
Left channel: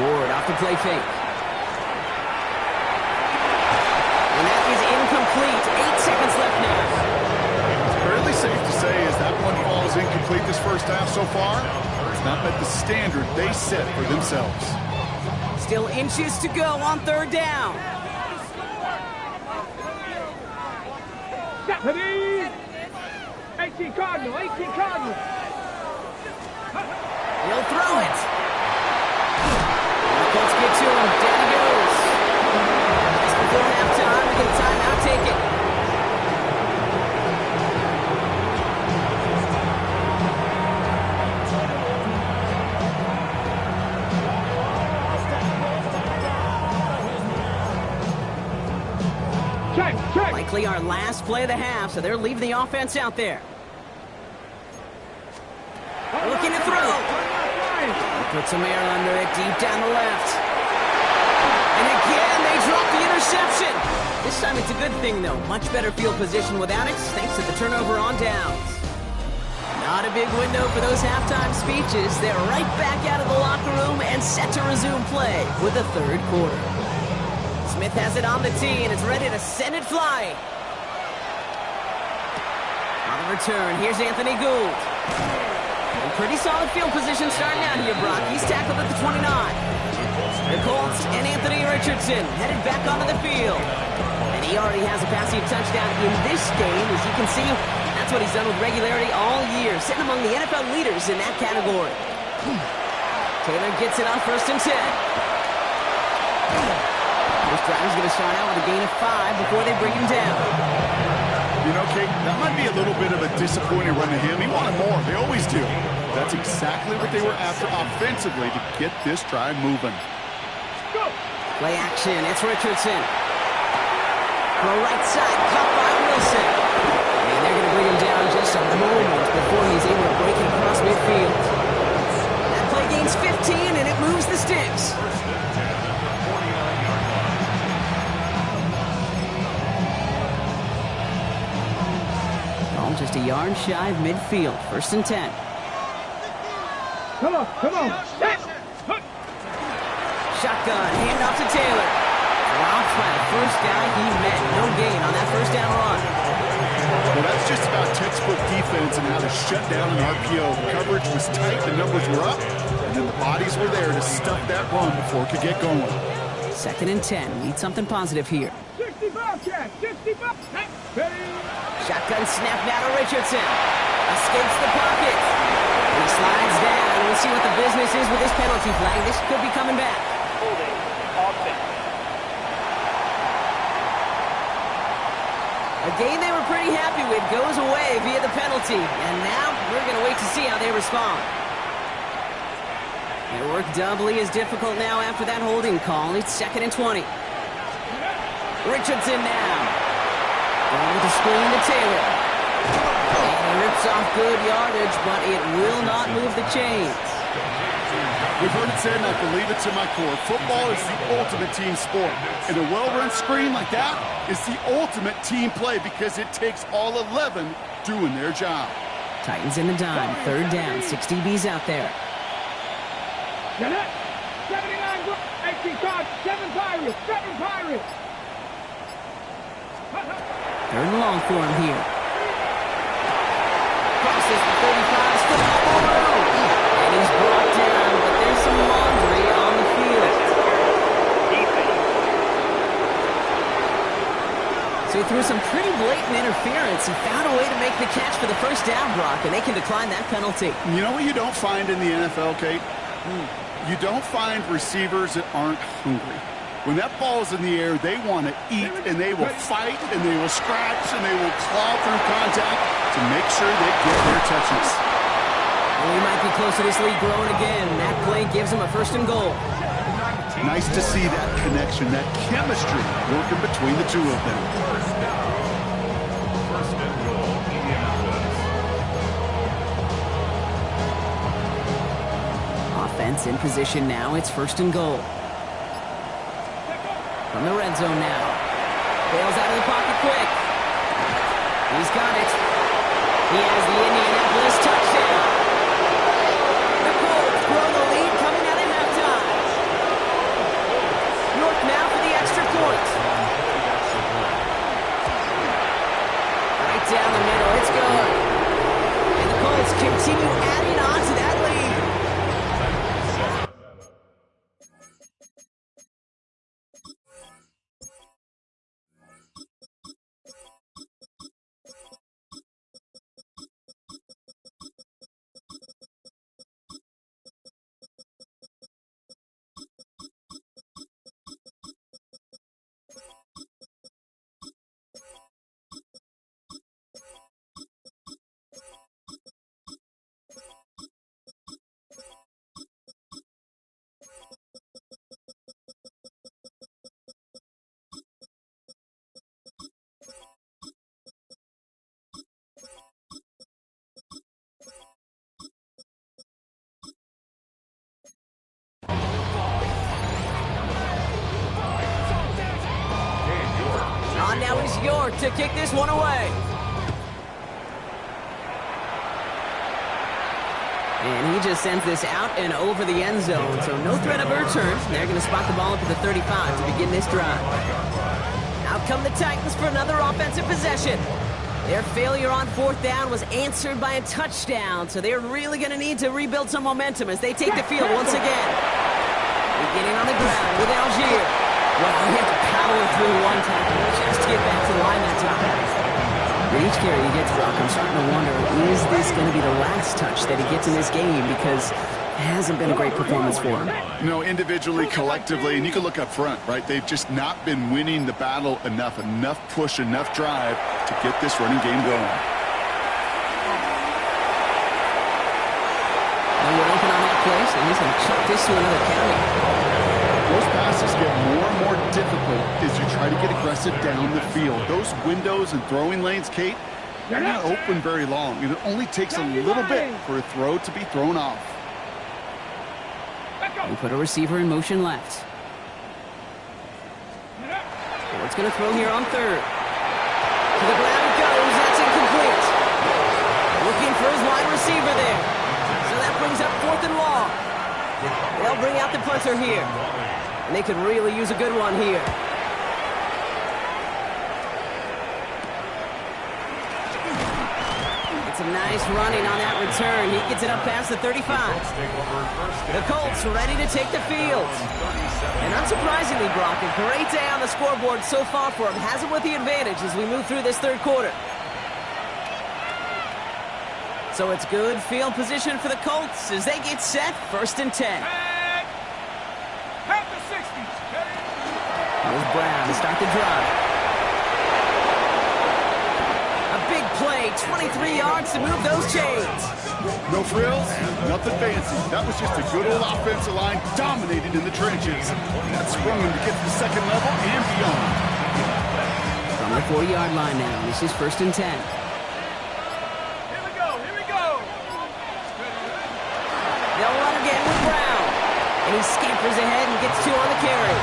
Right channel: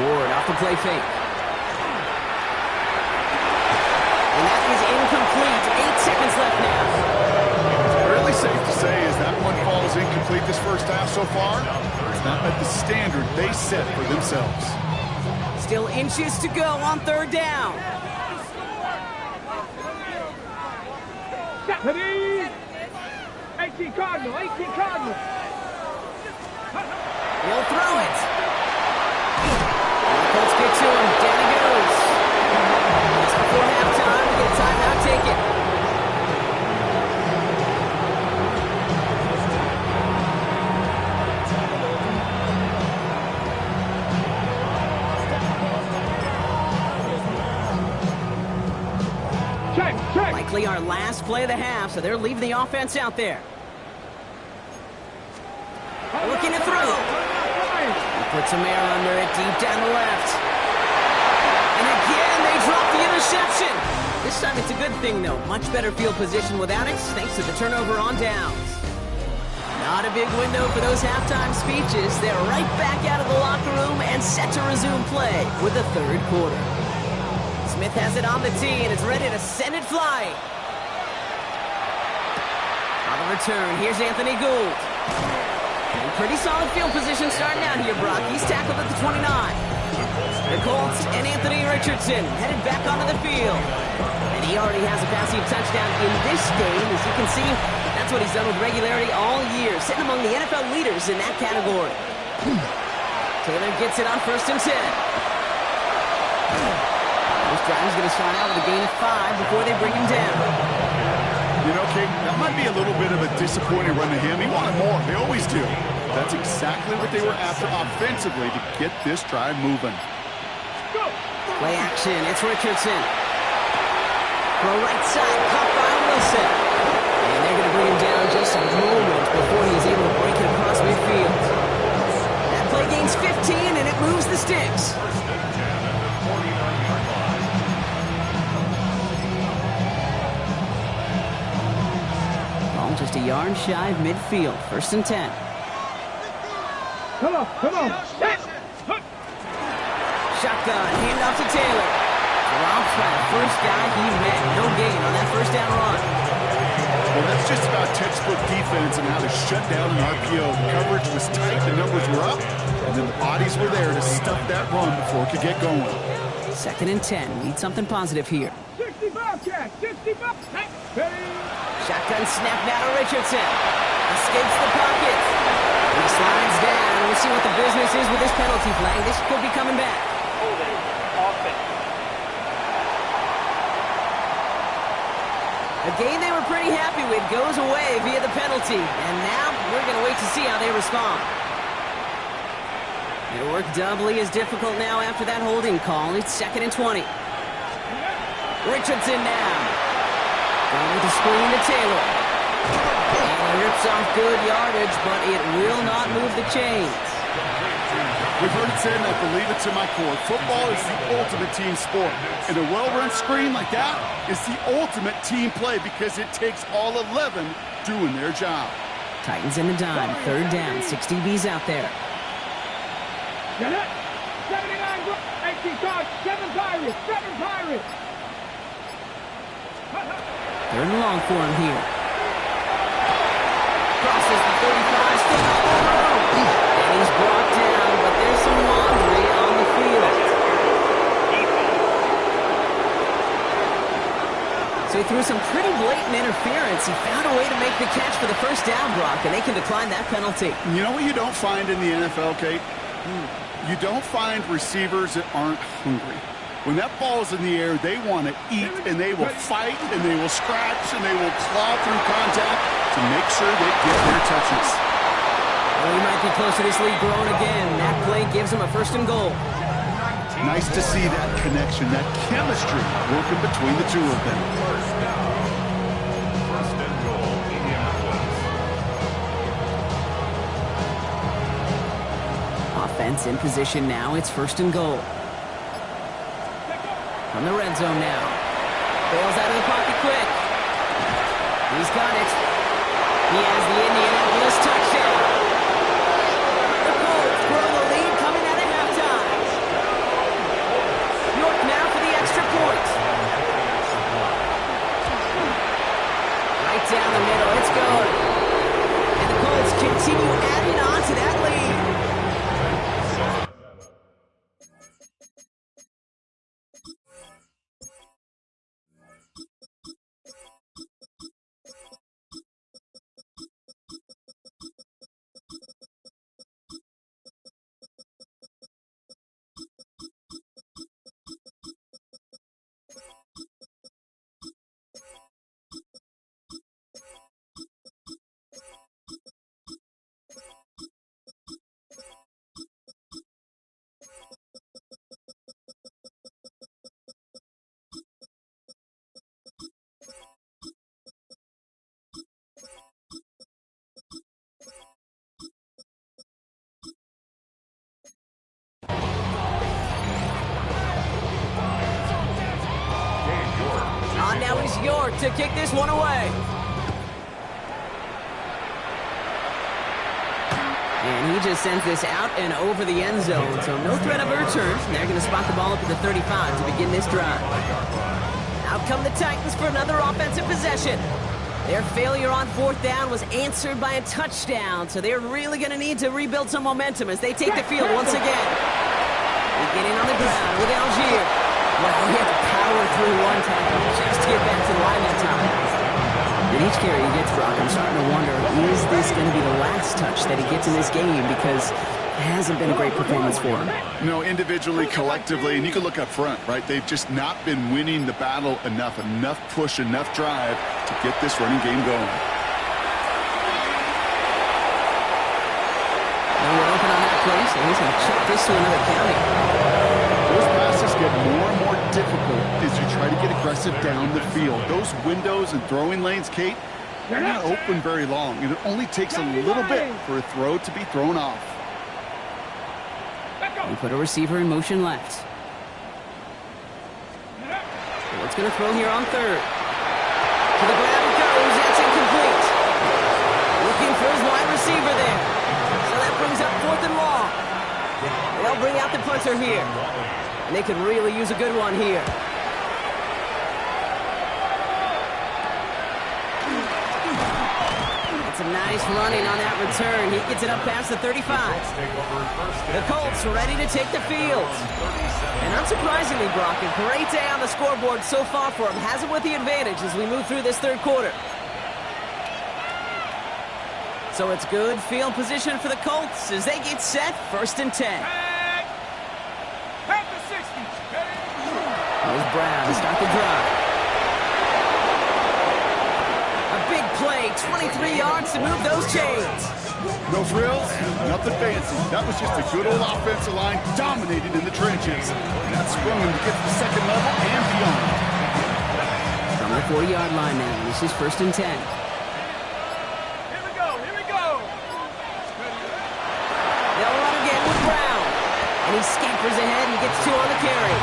Ward off the play fake. And that is incomplete. 8 seconds left now. Fairly safe to say as that one falls incomplete this first half so far. It's not met the standard they set for themselves. Still inches to go on third down. Deputy! 18 Cardinal, 18 Cardinal. He'll throw it. And the Colts get to him. Down he goes. Just before halftime, we get a timeout. Take it. Check. Likely our last play of the half, so they're leaving the offense out there. Looking to throw. Put some air under it, deep down the left. And again, they drop the interception. This time it's a good thing, though. Much better field position without it, thanks to the turnover on downs. Not a big window for those halftime speeches. They're right back out of the locker room and set to resume play with the third quarter. Smith has it on the tee, and it's ready to send it flying. On the return, here's Anthony Gould. And pretty solid field position starting out here, Brock. He's tackled at the 29. The Colts and Anthony Richardson headed back onto the field. And he already has a passing touchdown in this game. As you can see, that's what he's done with regularity all year, sitting among the NFL leaders in that category. Taylor gets it on 1st and 10. This drive is going to start out with a gain of 5 before they bring him down. You know, Kate, that might be a little bit of a disappointing run to him. He wanted more. They always do. That's exactly what they were after offensively to get this drive moving. Go. Play action. It's Richardson. Throw right side. Caught by Wilson. And they're going to bring him down just a moment before he's able to break it across midfield. That play gains 15, and it moves the sticks. 49-yard line. Ball just a yard shy of midfield. 1st and 10. Come on. Shotgun. Handoff to Taylor. Dropped by the first guy he met. No gain on that first down run. Well, that's just about textbook defense and how to shut down an RPO. The coverage was tight, the numbers were up, and then the bodies were there to stuff that run before it could get going. 2nd and 10. Need something positive here. 60 Bobcat, 60 Bobcat. Shotgun snap now to Richardson. Escapes the pocket. He slides down. We'll see what the business is with this penalty flag. This could be coming back. Holding offense. A game they were pretty happy with goes away via the penalty. And now we're going to wait to see how they respond. It worked doubly as difficult now after that holding call. It's 2nd and 20. Richardson now. Going with the screen to Taylor. And he rips off good yardage, but it will not move the chains. We've heard it said, and I believe it's in my core, football is the ultimate team sport. And a well-run screen like that is the ultimate team play because it takes all 11 doing their job. Titans in the dime. 3rd down. 6 DBs out there. Get it. 79 18 cards, 7 Pirates, 7 Pirates. 3rd and long for him here. Crosses the 35, still got more room. And he's brought down, but there's some laundry on the field. So through some pretty blatant interference, he found a way to make the catch for the first down, Brock, and they can decline that penalty. You know what you don't find in the NFL, Kate? You don't find receivers that aren't hungry. When that ball's in the air, they want to eat, and they will fight, and they will scratch, and they will claw through contact to make sure they get their touches. And we might be close to this lead growing again. That play gives them a 1st and goal. Nice to see that connection, that chemistry working between the two of them. 1st and goal, Indianapolis. Offense in position now. It's 1st and goal. From the red zone now. Bails out of the pocket quick. He's got it. He has the Indianapolis touchdown. The Colts hanging on to that lead. On now is York to kick this one away. And he just sends this out and over the end zone, so no threat of a return. They're going to spot the ball up at the 35 to begin this drive. Out come the Titans for another offensive possession. Their failure on fourth down was answered by a touchdown, so they're really going to need to rebuild some momentum as they take the field once again. Beginning on the ground with Algier. Well, he had to power through one tackle just to get back to the line that time. With each carry he gets, Brock, I'm starting to wonder, is this going to be the last touch that he gets in this game? Because it hasn't been a great performance for him. No, individually, collectively, and you can look up front, right? They've just not been winning the battle enough push, enough drive to get this running game going. No one open on that play, so he's going to chuck this to another county. Those passes get more and more difficult as you try to get aggressive down the field. Those windows and throwing lanes, Kate, they're not open very long, and it only takes a little bit for a throw to be thrown off. We put a receiver in motion left. Ford's going to throw here on third. To the ground it goes. That's incomplete. Looking for his wide receiver there. So that brings up 4th and long. They'll bring out the punter here. And they could really use a good one here. It's some nice running on that return. He gets it up past the 35. The Colts ready to take the field. And unsurprisingly, Brock, a great day on the scoreboard so far for him. Has him with the advantage as we move through this third quarter. So it's good field position for the Colts as they get set, 1st and 10. Half the 60s. Here's Brown to start the drive. A big play, 23 yards to move those chains. No frills, nothing fancy. That was just a good old offensive line dominated in the trenches. And that sprung him to get to the second level and beyond. From the 40-yard line now, this is 1st and 10. They'll run again with Brown. And he scampers ahead and gets 2 on the carry.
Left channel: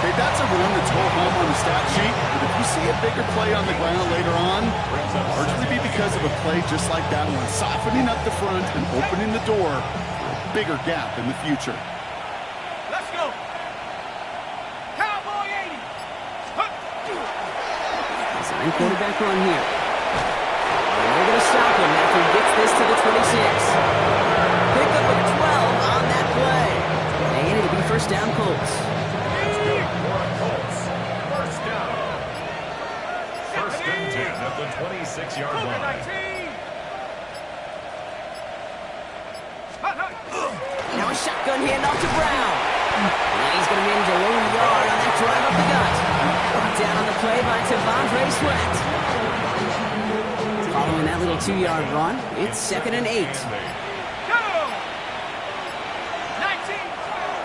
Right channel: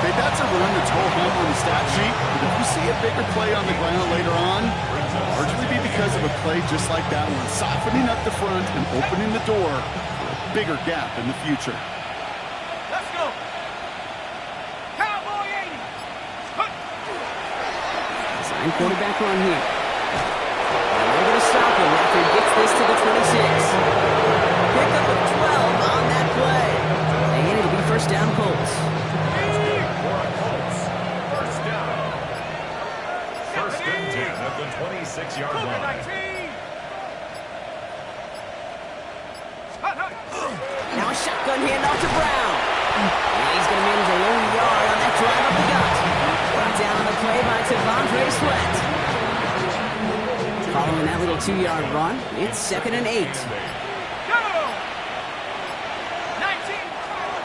Okay, that's a run that's ho hum on the stat sheet, but if you see a bigger play on the ground later on, it'll largely be because of a play just like that one, softening up the front and opening the door for a bigger gap in the future. Let's go. Cowboy 80. Design quarterback run here. And they're going to stop him after he gets this to the 26. Pick up a 12 on that play. And it'll be 1st down Colts. First down. 1st and 10 at the 26-yard line. Now a shotgun handoff to Brown. And he's going to manage a lone yard on that drive up the gut. Brought down on the play by T'Vondre Sweat. Following that little 2-yard run, it's 2nd and 8.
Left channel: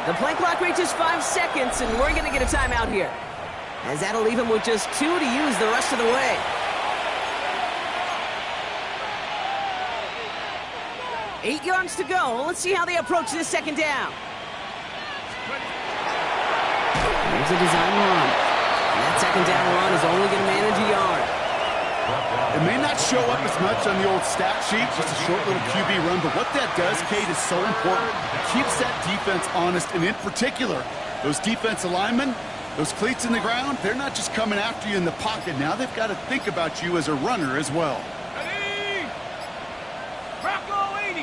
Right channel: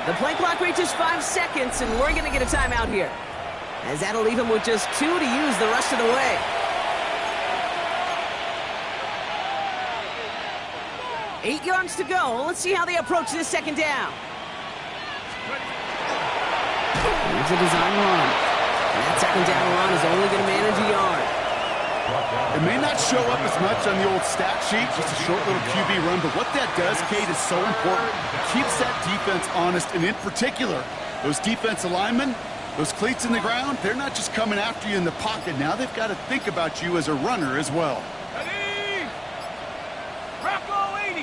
The play clock reaches 5 seconds, and we're going to get a timeout here, as that'll leave him with just 2 to use the rest of the way. 8 yards to go. Let's see how they approach this 2nd down. Here's a design run. And that 2nd down run is only going to manage a yard. It may not show up as much on the old stat sheet, just a short little QB run, but what that does, Kate, is so important. It keeps that defense honest, and in particular, those defensive linemen, those cleats in the ground, they're not just coming after you in the pocket. Now they've got to think about you as a runner as well. Ready? Bronco 80.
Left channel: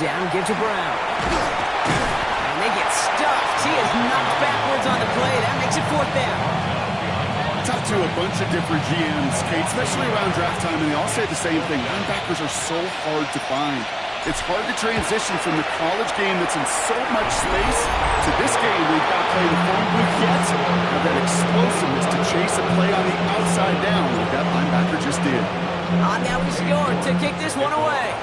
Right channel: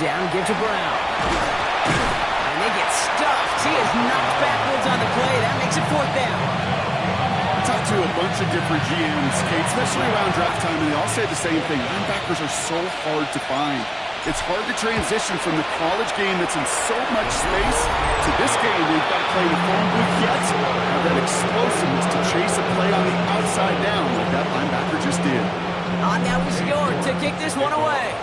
down, give to Brown. And they get stuffed. He is knocked backwards on the play. That makes it 4th down. I talked to a bunch of different GMs, Kate, especially around draft time, and they all say the same thing. Linebackers are so hard to find. It's hard to transition from the college game that's in so much space to this game where you've got to play the phone booth yet. Have that explosiveness to chase a play on the outside down like that linebacker just did. Now he's scored to kick this one away.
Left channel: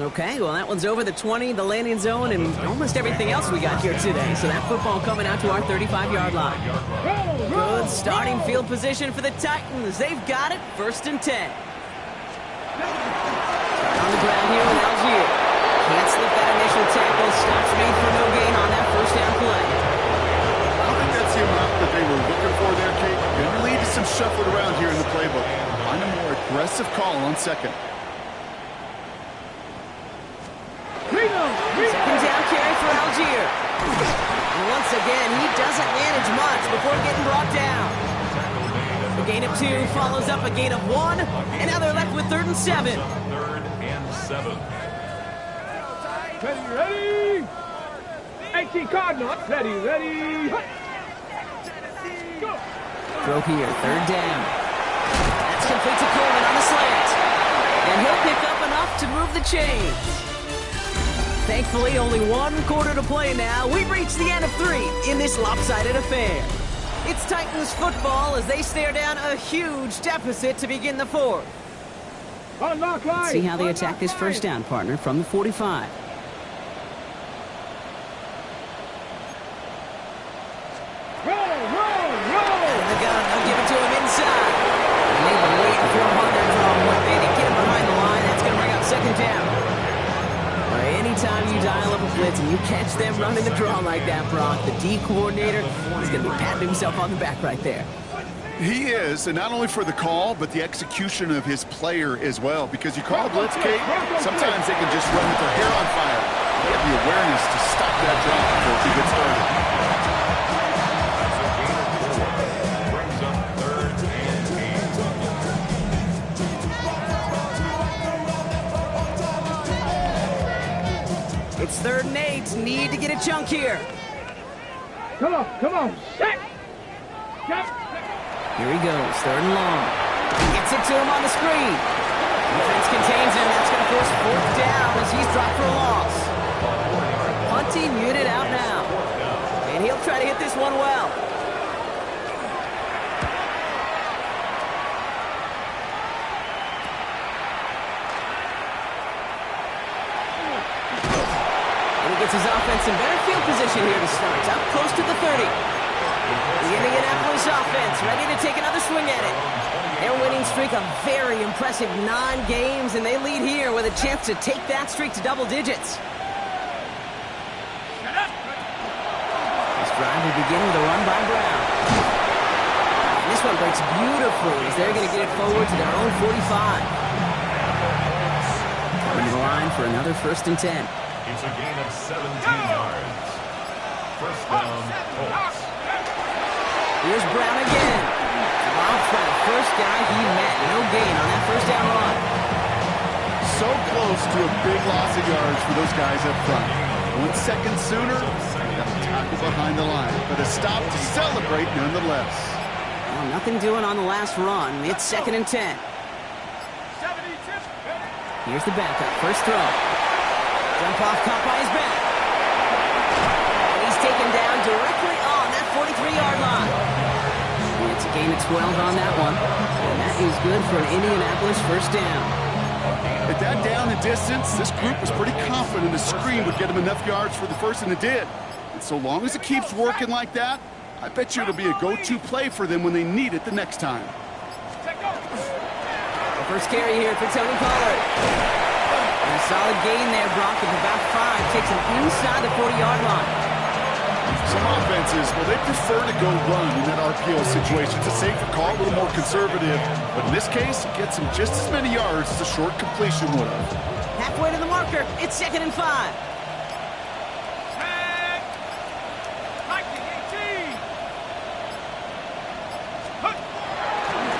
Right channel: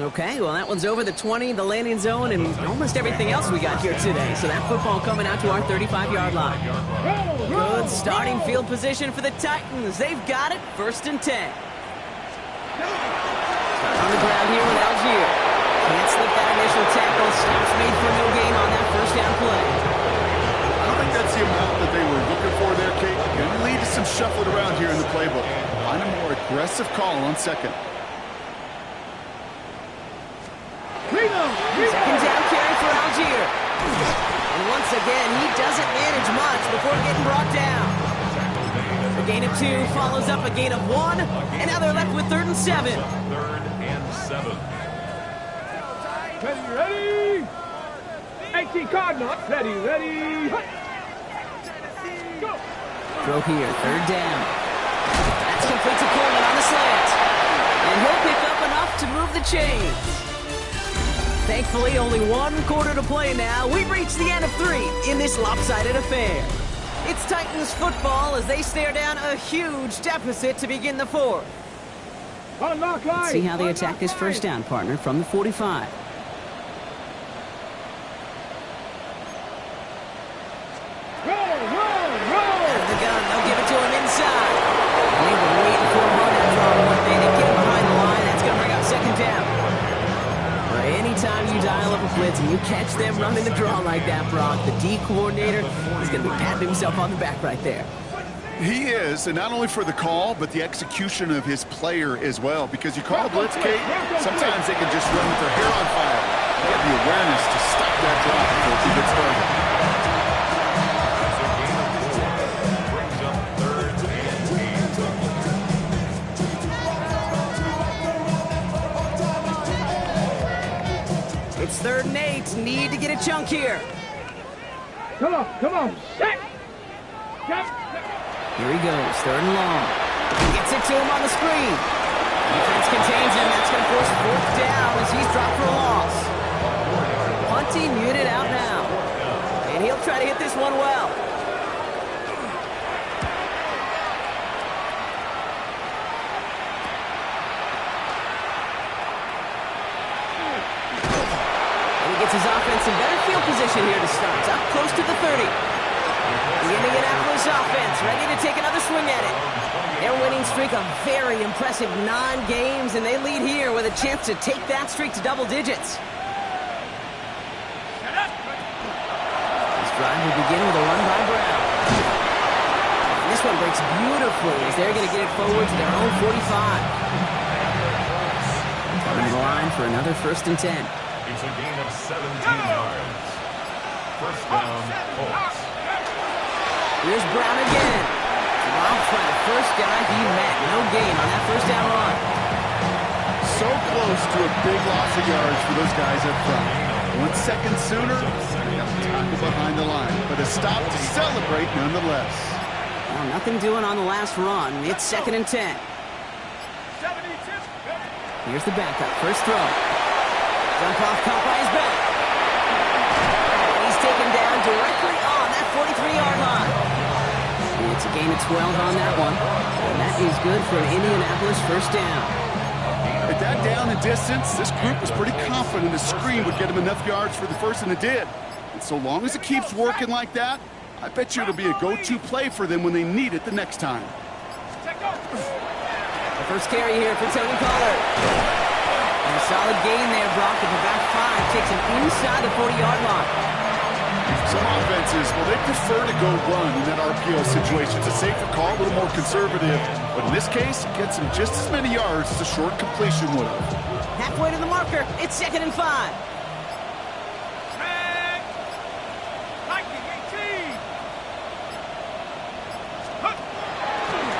Okay, well, that one's over the 20, the landing zone, and almost everything else we got here today. So that football coming out to our 35-yard line. Good starting field position for the Titans. They've got it, 1st and 10. Start on the ground here with Algier. Can't slip that initial tackle. Stops made for no gain on that 1st down play. I don't think that's the amount that they were looking for there, Kate. Going to lead to some shuffling around here in the playbook. Find a more aggressive call on 2nd. 2nd down carry for Algier. And once again, he doesn't manage much before getting brought down. A gain of 2 follows up a gain of 1, and now they're left with 3rd and 7. 3rd and 7. Ready? 18 Cardinal. Ready. Go. Throw here, 3rd down. That's complete to Coleman on the slant. And he'll pick up enough to move the chains. Thankfully, only 1 quarter to play now. We've reached the end of 3 in this lopsided affair. It's Titans football as they stare down a huge deficit to begin the 4th. Unlock line. See how they attack this 1st down, partner, from the 45. Roll. Out of the gun, they'll give it to him inside. And they were waiting for him on that draw, weren't they? They get him behind the line. That's going to bring up 2nd down. Anytime you dial up a blitz and you catch them running the draw like that, Brock, the D coordinator is going to be patting himself on the back right there. He is, and not only for the call, but the execution of his player as well. Because you call a blitz, Kate, sometimes they can just run with their hair on fire. They have the awareness to stop that drop before he gets started. That's a gain of 4. Brings up 3rd and 8. It's 3rd and 8. Need to get a chunk here. Come on. Set. Here he goes, 3rd and long. He gets it to him on the screen. Defense contains him. That's going to force 4th down as he's dropped for a loss. Punting unit out now. And he'll try to hit this one well. And he gets his offense in better field position here to start. Up close to the 30. The Indianapolis offense ready to take another swing at it. Their winning streak a very impressive 9 games, and they lead here with a chance to take that streak to double digits. This drive will begin with a run by Brown. And this one breaks beautifully as they're going to get it forward to their own 45. Coming to the line for another 1st and 10. It's a gain of 17 yards. 1st down, Colts. Here's Brown again. Dropped by the first guy he met. No gain on that 1st down run. So close to a big loss of yards for those guys up front. 1 second sooner, they got a tackle behind the line. But a stop to celebrate nonetheless. Well, nothing doing on the last run. It's 2nd and 10. Here's the backup. First throw. Jump off, caught by his back. And he's taken down directly on that 43-yard line. And it's a gain of 12 on that one. And that is good for an Indianapolis 1st down. At that down and distance, this group was pretty confident the screen would get them enough yards for the 1st, and it did. And so long as it keeps working like that, I bet you it'll be a go-to play for them when they need it the next time. The first carry here for Tony Pollard. And a solid gain there, Brock, of about 5. Takes him inside the 40-yard line. Some offenses, well, they prefer to go run in that RPO situation. It's a safer call, a little more conservative. But in this case, it gets him just as many yards as a short completion would have. Halfway to the marker. It's 2nd and 5.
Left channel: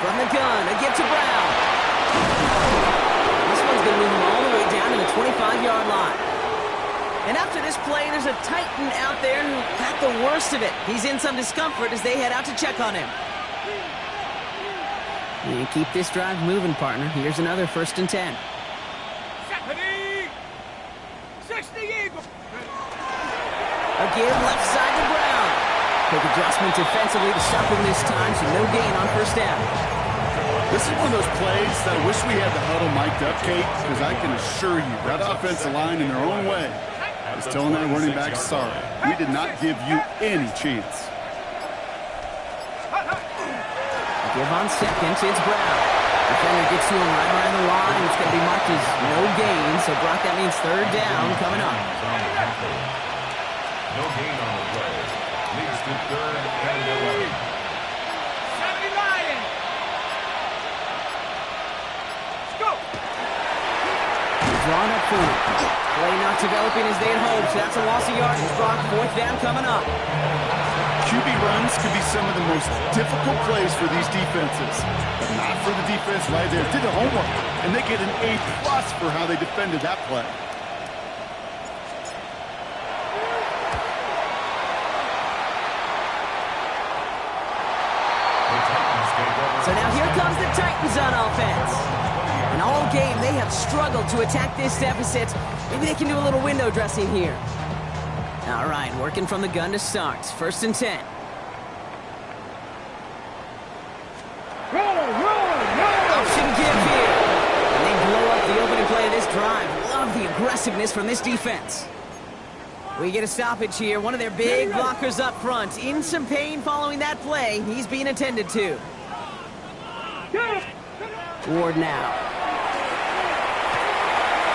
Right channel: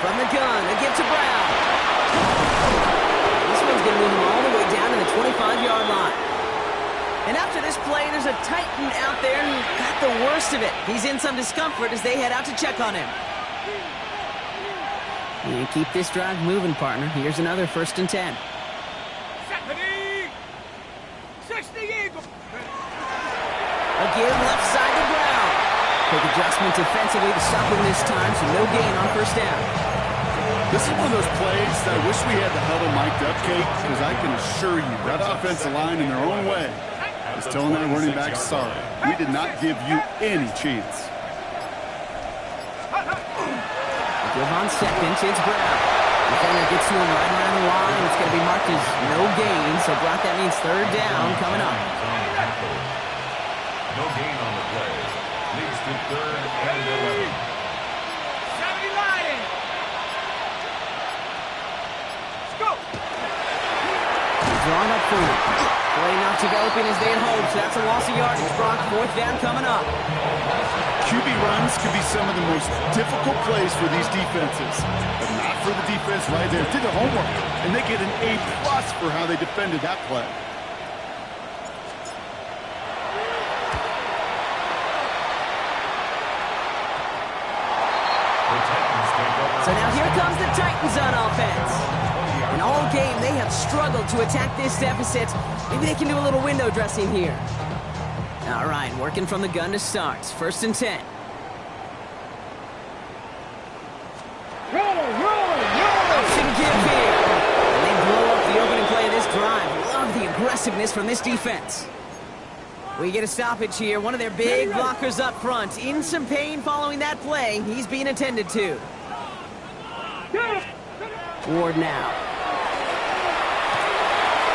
From the gun, a give to Brown. This one's is going to move him all the way down to the 25-yard line. And after this play, there's a Titan out there who got the worst of it. He's in some discomfort as they head out to check on him. You keep this drive moving, partner. Here's another 1st and 10. 60 Eagles. A give left side to Brown. Quick adjustment defensively to stop him this time, so no gain on 1st down. This is one of those plays that I wish we had the huddle mic'd up, Kate, because I can assure you that offensive line in their own way is telling that running back, sorry, we did not give you any chance. Give on 2nd, it's Brown. Defender gets to him right around the line. It's going to be marked as no gain, so Brock, that means 3rd down coming up. No gain on the play. Leads to 3rd and 11. 70 Lions. Let's go. Drawn up for it. Play not developing as they had hoped, so that's a loss of yardage. Brock, 4th down coming up. QB runs could be some of the most difficult plays for these defenses, but not for the defense right there. Did their homework, and they get an A+ for how they defended that play. So now here comes the Titans on offense. And all game, they have struggled to attack this deficit. Maybe they can do a little window dressing here. All right, working from the gun to start. 1st and 10. Option give here. And they blow up the opening play of this drive. Love the aggressiveness from this defense. We get a stoppage here. One of their big blockers up front. In some pain following that play. He's being attended to. Ward now.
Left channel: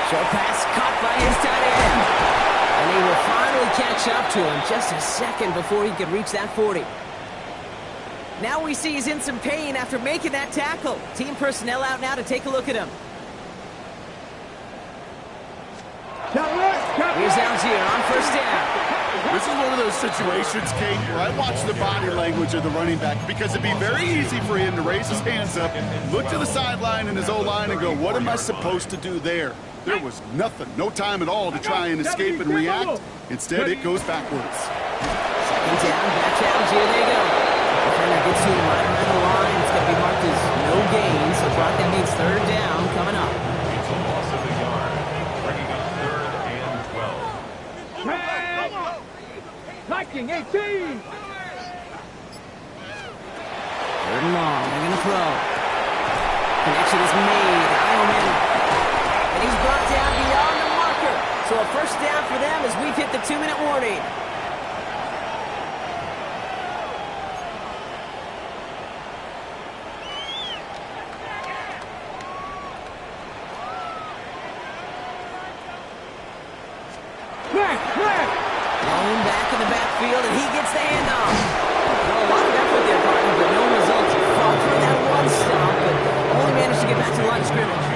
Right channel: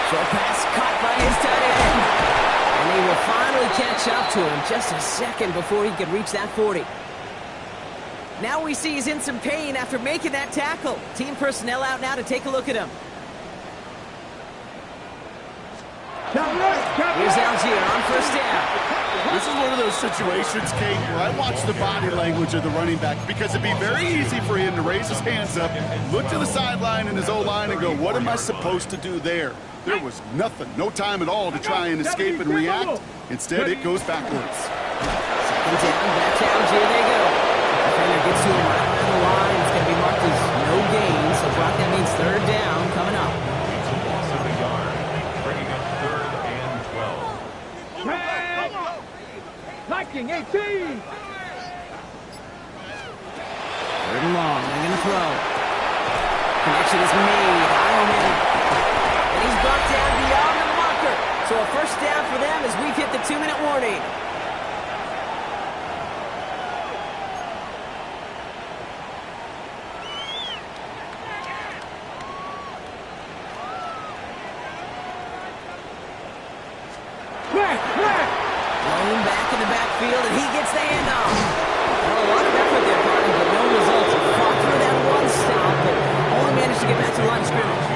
Short pass caught by his tight end. And they will finally catch up to him just a second before he could reach that 40. Now we see he's in some pain after making that tackle. Team personnel out now to take a look at him. Here's Algier on 1st down. This is one of those situations, Kate, where I watch the body language of the running back because it'd be very easy for him to raise his hands up, look to the sideline in his O-line and go, what am I supposed to do there? There was nothing, no time at all to try and escape and react. Instead, it goes backwards. 2nd down, back to Algier, they go. Defender gets to him right around the line. It's going to be marked as no gain, so Brock, that means 3rd down coming up. It's a loss of a yard, bringing up 3rd and 12. Viking 18. 3rd and long, they're going to throw. Connection is made. Ioman. And he's brought down beyond the marker. So a 1st down for them as we've hit the 2-minute warning. Blown back in the backfield, and he gets the handoff. Well, a lot of effort there, partner, but no results. He fought through that one stop, but only managed to get back to the line of scrimmage.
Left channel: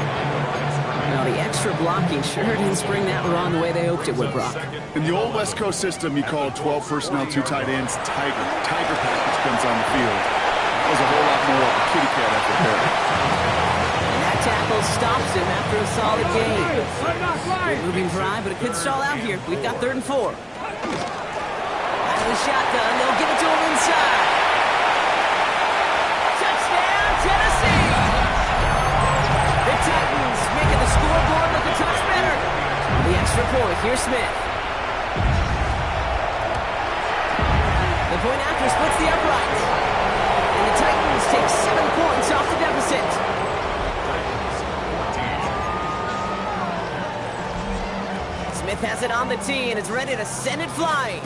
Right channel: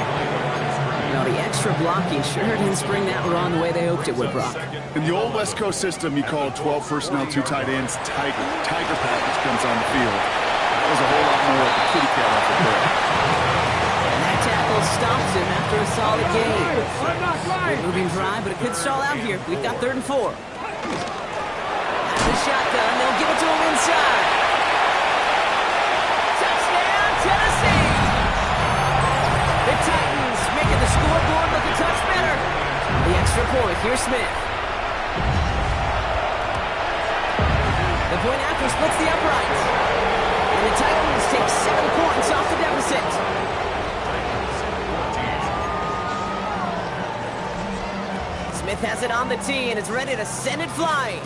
Now, the extra blocking sure didn't spring that run the way they hoped it would, Brock. In the old West Coast system, you call 12 personnel, 2 tight ends, Tiger. Tiger package comes on the field. That was a whole lot more of a kitty cat effort there. And that tackle stops him after a solid game. Good moving drive, but it could stall out here. We've got 3rd and 4. Out of the shotgun, they'll give it to him inside. Touchdown, Tennessee! The Titans making the scoreboard look a touch better. The extra point, here's Smith. The point after splits the uprights. And the Titans take 7 points off the deficit. Smith has it on the tee, and it's ready to send it flying.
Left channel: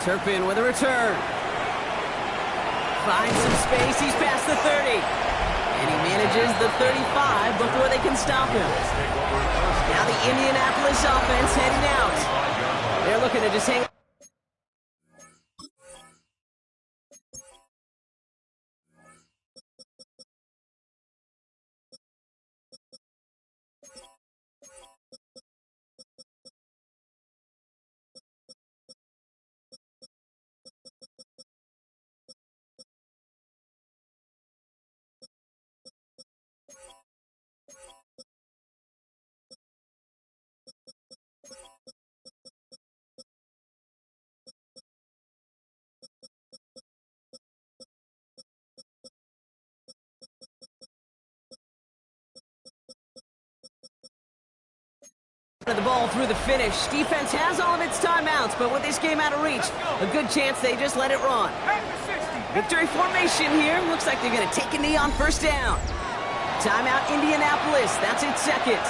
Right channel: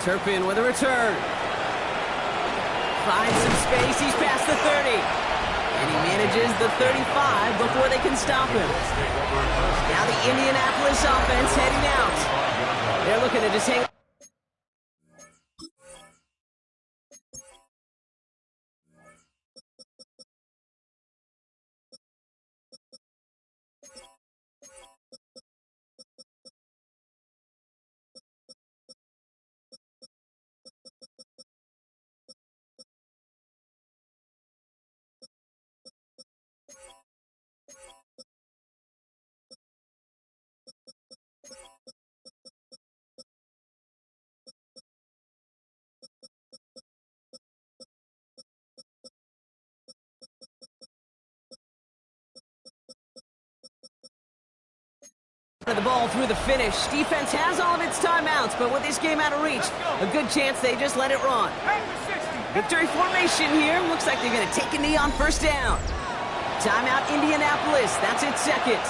Turpin with a return. Finds some space, he's past the 30. And he manages the 35 before they can stop him. Now the Indianapolis offense heading out. They're looking to just hang the ball through the finish. Defense has all of its timeouts, but with this game out of reach, a good chance they just let it run. Victory formation here. Looks like they're going to take a knee on first down. Timeout Indianapolis. That's its second.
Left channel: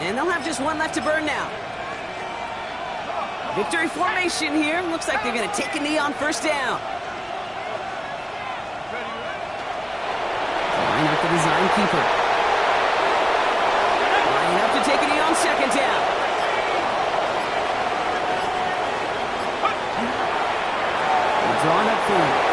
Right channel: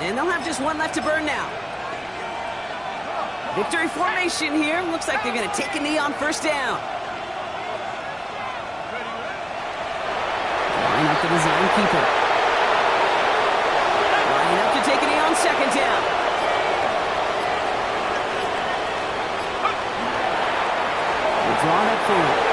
And they'll have just one left to burn now. Victory formation here. Looks like they're going to take a knee on first down. Line up the design keeper. Line up to take a knee on second down. They're drawn up for it.